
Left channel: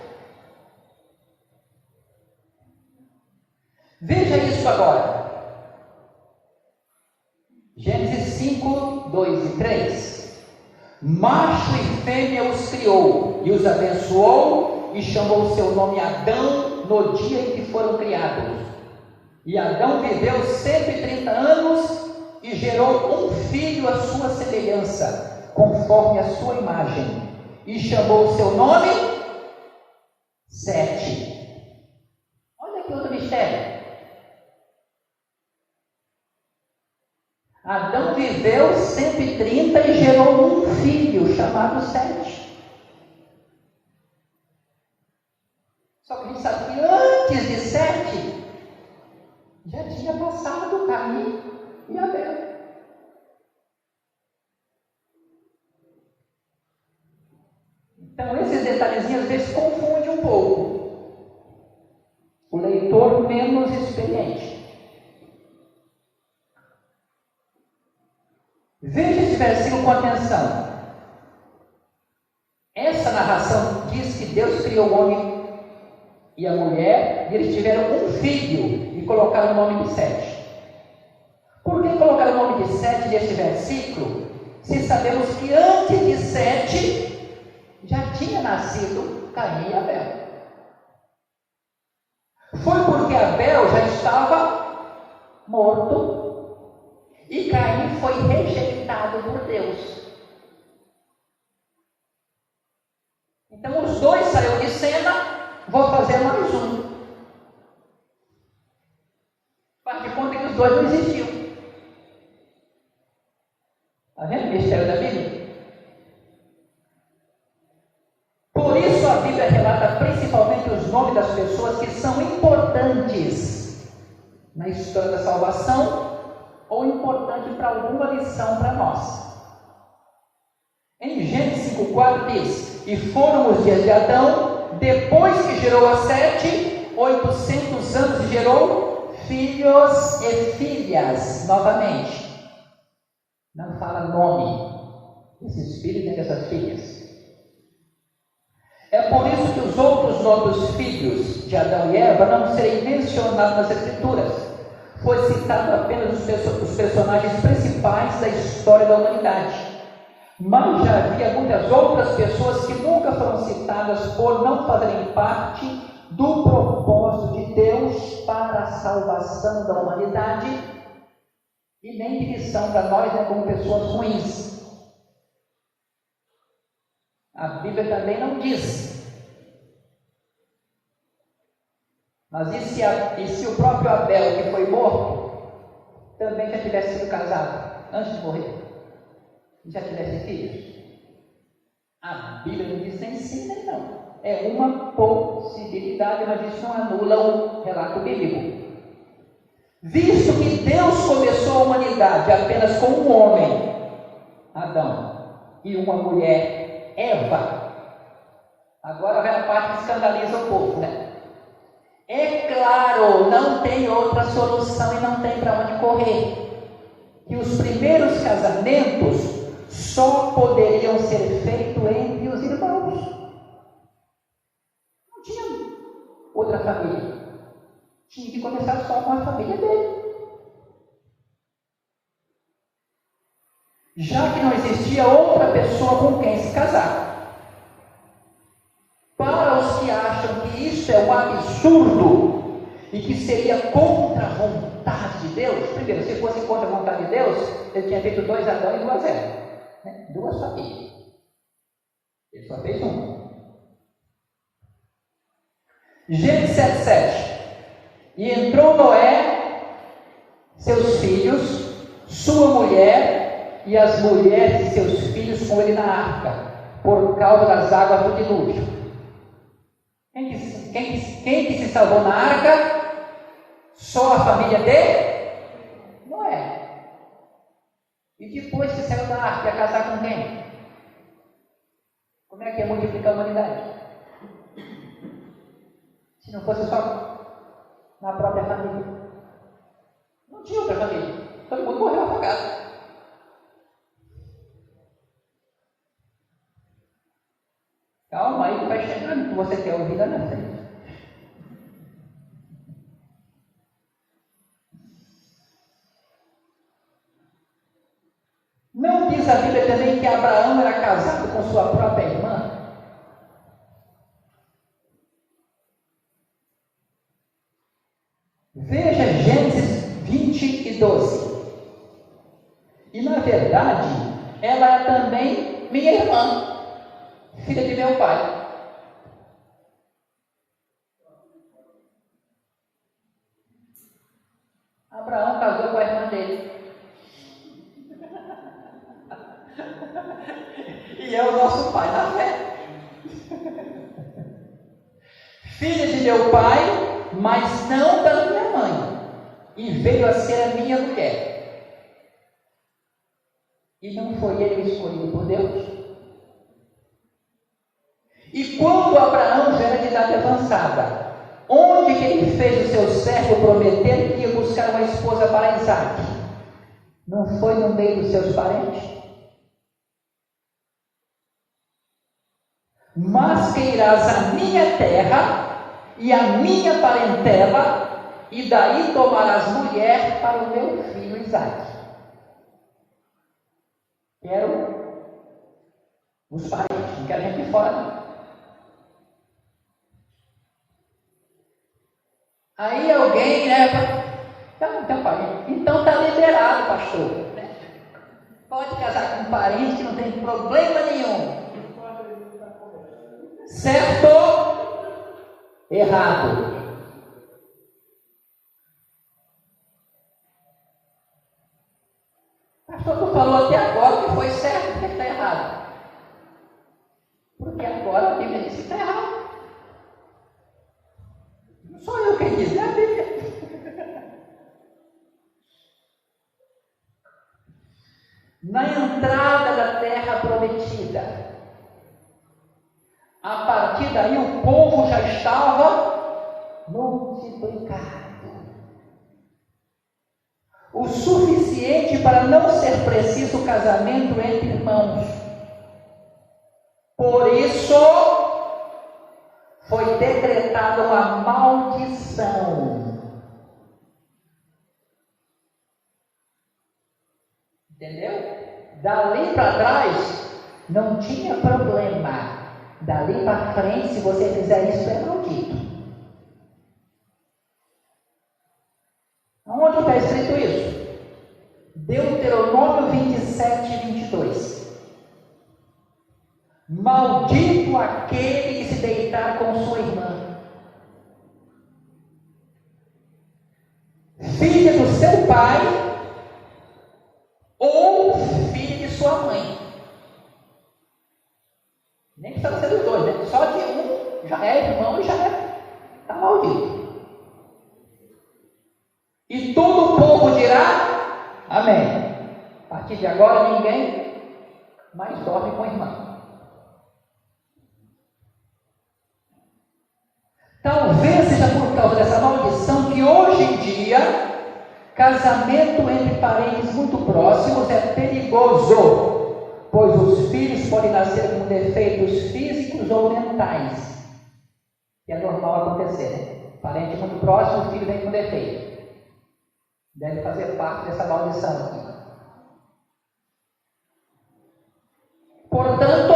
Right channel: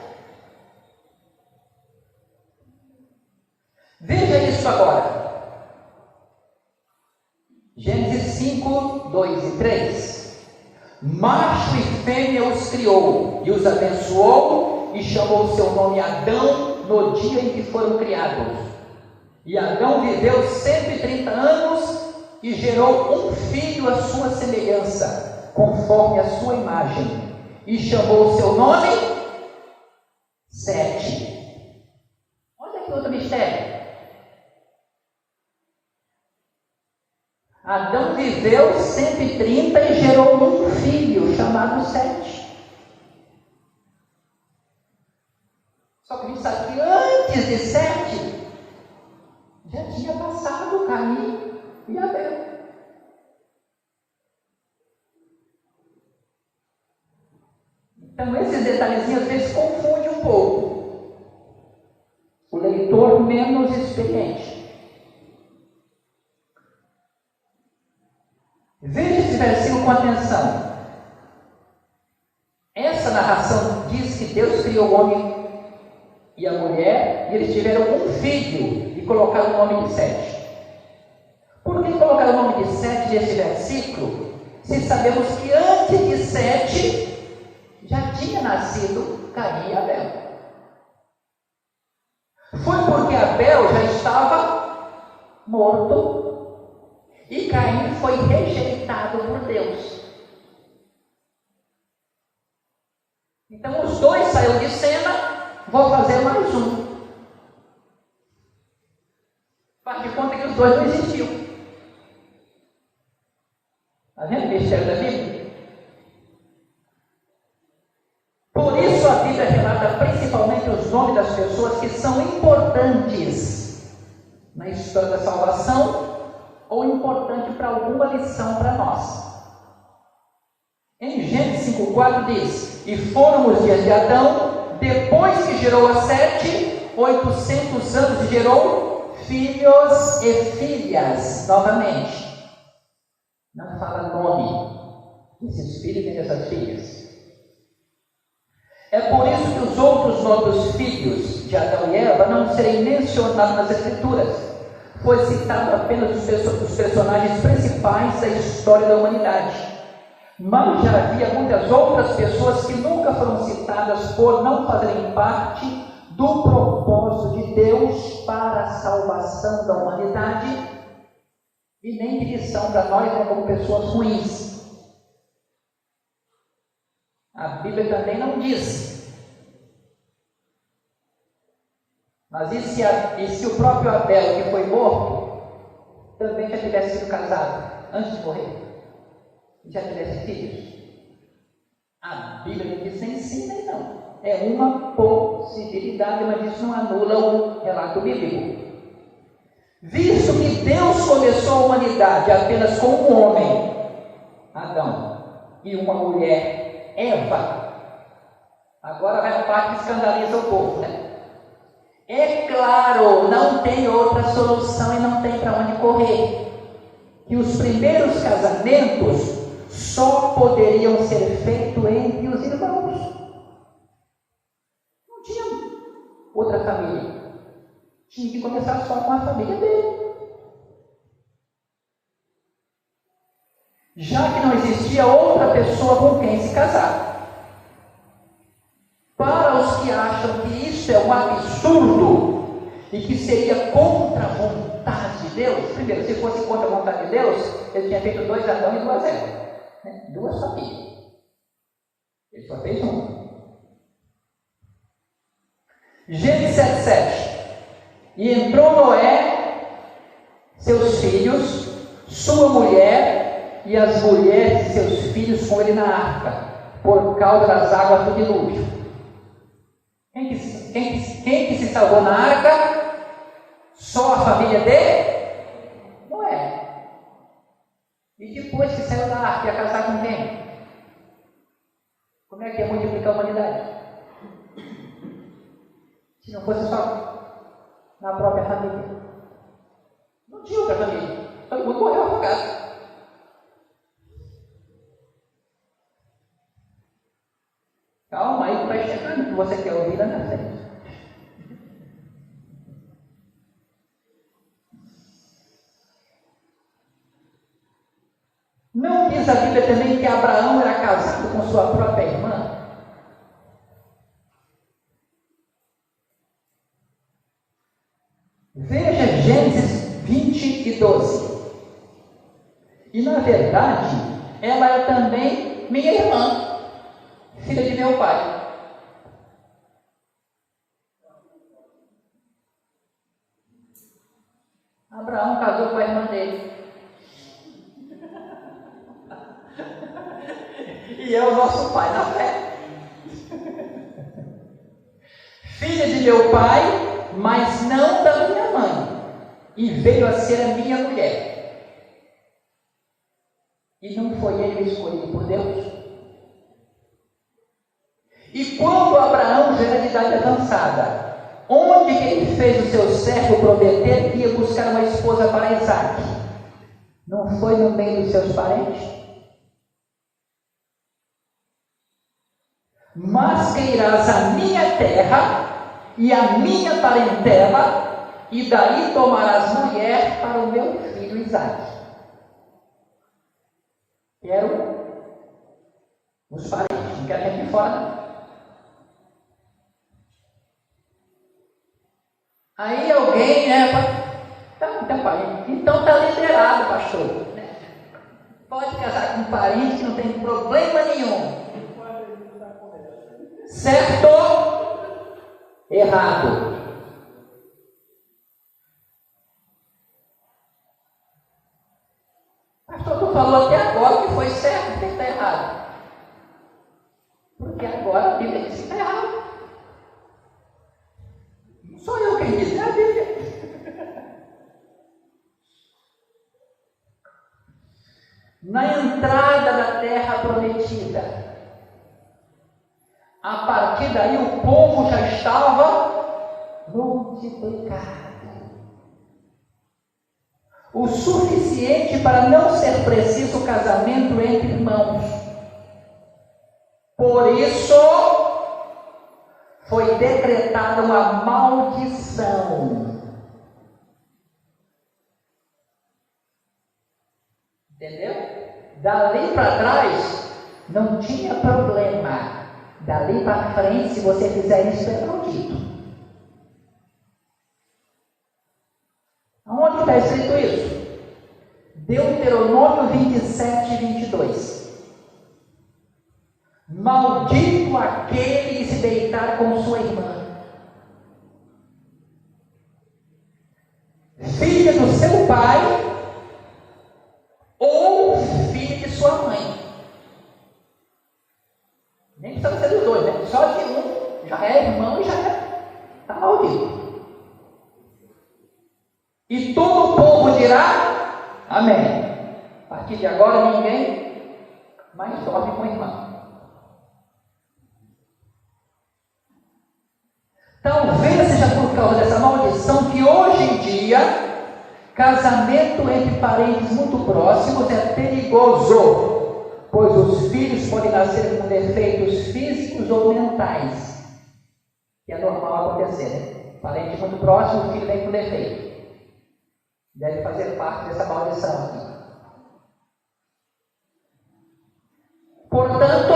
Veja isso agora. Gênesis 5, 2 e 3. Macho e fêmea os criou e os abençoou e chamou o seu nome Adão no dia em que foram criados. E Adão viveu 130 anos e gerou um filho à sua semelhança, conforme a sua imagem, e chamou o seu nome Sete. Olha que outro mistério. Adão viveu 130 e gerou um filho chamado Sete. Só que a gente sabe que antes de Sete já tinha passado Caim e Abel. Então esses detalhezinhos às vezes confundem um pouco o leitor menos experiente. Veja esse versículo com atenção. Essa narração diz que Deus criou o homem e a mulher, e eles tiveram um filho e colocaram o nome de Sete. Por que colocaram o nome de Sete nesse versículo, se sabemos que antes de Sete já tinha nascido Caim e Abel? Foi porque Abel já estava morto e Caim foi rejeitado por Deus. Então os dois saíram de cena. Vou fazer mais um. Faz de conta que os dois não existiam. Está vendo o mistério da Bíblia? Por isso a Bíblia relata principalmente os nomes das pessoas que são importantes na história da salvação, ou importante para alguma lição para nós. Em Gênesis 5,4 diz: e foram os dias de Adão, depois que gerou a Sete, 800 anos, e gerou filhos e filhas. Novamente, não fala nome desses filhos e dessas filhas. É por isso que os outros filhos de Adão e Eva não serem mencionados nas Escrituras. Foi citado apenas os personagens principais da história da humanidade. Mas já havia muitas outras pessoas que nunca foram citadas por não fazerem parte do propósito de Deus para a salvação da humanidade e nem de lição para nós como pessoas ruins. A Bíblia também não diz. Mas e se o próprio Abel, que foi morto, também já tivesse sido casado antes de morrer? Já tivesse filhos? A Bíblia não diz nem sim nem não. É uma possibilidade, mas isso não anula o relato bíblico. Visto que Deus começou a humanidade apenas com um homem, Adão, e uma mulher, Eva. Agora vai a parte que escandaliza o povo, né? É claro, não tem outra solução e não tem para onde correr. Que os primeiros casamentos só poderiam ser feitos entre os irmãos. Não tinha outra família. Tinha que começar só com a família dele. Já que não existia outra pessoa com quem se casar. Para os que acham que isso isto é um absurdo e que seria contra a vontade de Deus. Primeiro, se fosse contra a vontade de Deus, ele tinha feito 2 Adão e 2 Eva, né? 2 famílias. Ele só fez um. Gênesis 7:7. E entrou Noé, seus filhos, sua mulher e as mulheres de seus filhos com ele na arca, por causa das águas do dilúvio. Quem que se salvou na arca? Só a família de Noé. E depois que saiu da arca, ia casar com quem? Como é que ia multiplicar a humanidade? Se não fosse só na própria família. Não tinha outra família. Todo mundo morreu afogado. Calma aí que vai chegando, que você quer ouvir lá na frente. Não diz a Bíblia também que Abraão era casado com sua própria irmã? Veja Gênesis 20:12. E na verdade, ela é também minha irmã, filha de meu pai. Abraão casou com a irmã dele. E é o nosso pai da fé. Filha de meu pai, mas não da minha mãe. E veio a ser a minha mulher. E não foi ele escolhido por Deus? E quando Abraão já era de idade avançada, onde que ele fez o seu servo prometer que ia buscar uma esposa para Isaque? Não foi no meio dos seus parentes? Mas que irás à minha terra e à minha parentela, e daí tomarás mulher para o meu filho Isaque. Quero os parentes, não quero gente de fora não. Aí alguém, então parente, então está liberado, pastor. Pode casar com um parente que não tem problema nenhum. Certo? Errado. Pastor não falou até agora que foi certo, que está errado. Porque agora a Bíblia diz que está errado. Não sou eu quem diz, é a Bíblia. Na entrada da terra prometida, a partir daí o povo já estava multiplicado. O suficiente para não ser preciso casamento entre irmãos. Por isso, foi decretada uma maldição. Entendeu? Dali para trás, não tinha problema. Dali para frente, se você fizer isso, é maldito. Onde está escrito isso? Deuteronômio 27:22. Maldito aquele que se deitar com sua irmã, filha do seu pai, ou filha de sua mãe. Nem precisa ser dos dois, né? Só de um já é irmão e já é. Está maldito. E todo o povo dirá amém. A partir de agora ninguém mais dorme com o irmão. Talvez seja por causa dessa maldição que hoje em dia casamento entre parentes muito próximos é perigoso, pois os filhos podem nascer com defeitos físicos ou mentais. Que é normal acontecer, né? Parente muito próximo, o filho vem com defeito. Deve fazer parte dessa maldição aqui. Portanto,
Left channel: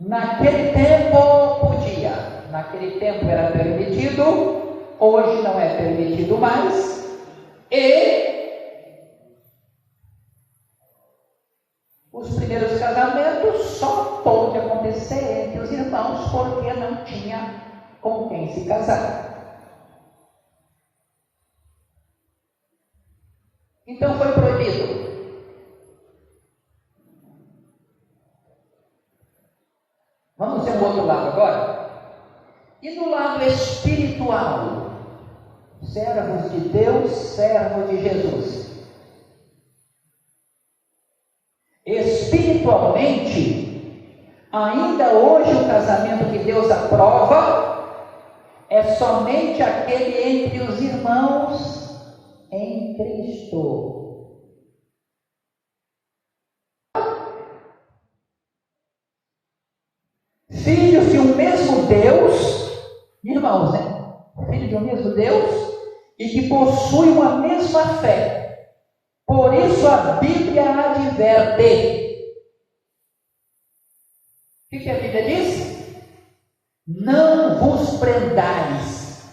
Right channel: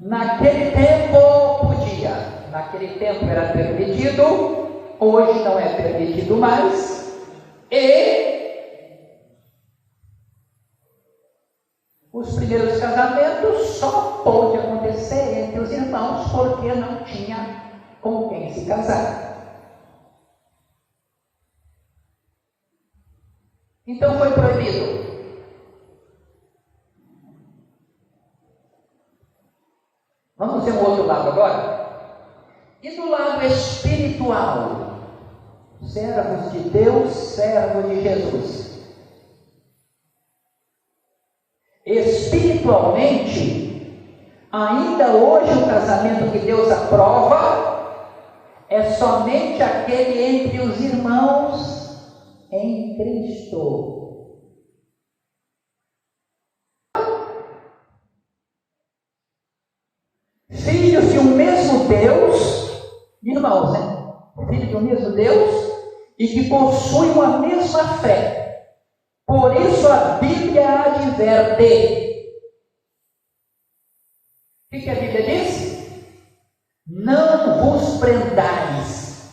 naquele tempo podia, naquele tempo era permitido, hoje não é permitido mais, e os primeiros casamentos só pode acontecer entre os irmãos, porque não tinha com quem se casar. Então foi proibido. Vamos ver o outro lado agora. E do lado espiritual, servos de Deus, servo de Jesus. Espiritualmente, ainda hoje o casamento que Deus aprova é somente aquele entre os irmãos em Cristo. Filhos de um mesmo Deus, irmãos, né? Filhos de um mesmo Deus e que possuem a mesma fé. Por isso a Bíblia adverte. O que a Bíblia diz? Não vos prendais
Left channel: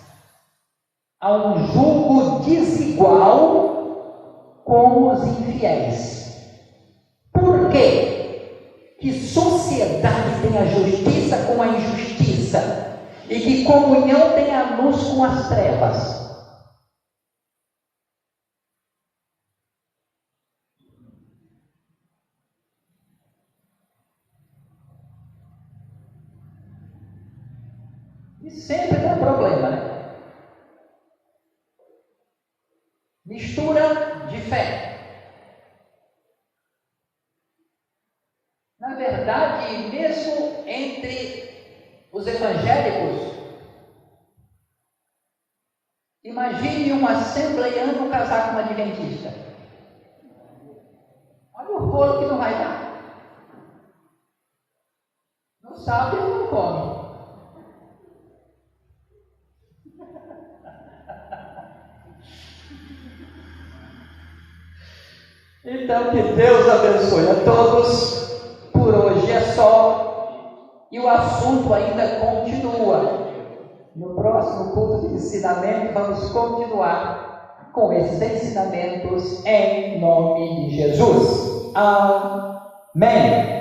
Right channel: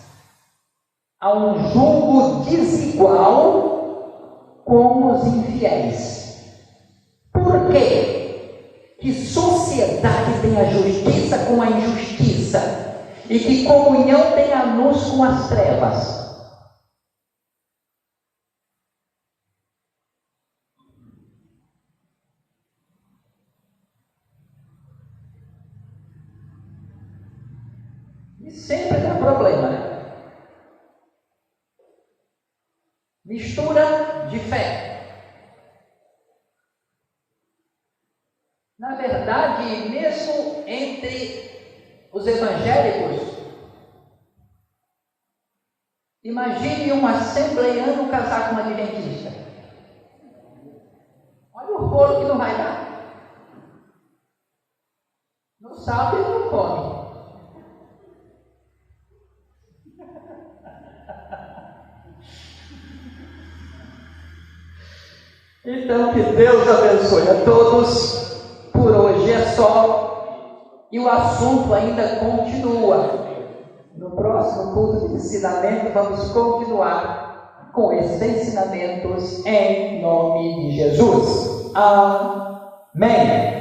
a um jugo desigual com os infiéis. Por quê? Que sociedade tem a justiça com a injustiça, e que comunhão tem a luz com as trevas. E sempre dá problema, né? Mistura de fé. Na verdade, mesmo entre os evangélicos, imagine um assembleiano casar com uma adventista. Olha o rolo que não vai dar. No sábado ele não come. Então, que Deus abençoe a todos. Por hoje é só. E o assunto ainda continua. No próximo curso de ensinamento, vamos continuar com esses ensinamentos em nome de Jesus. Amém.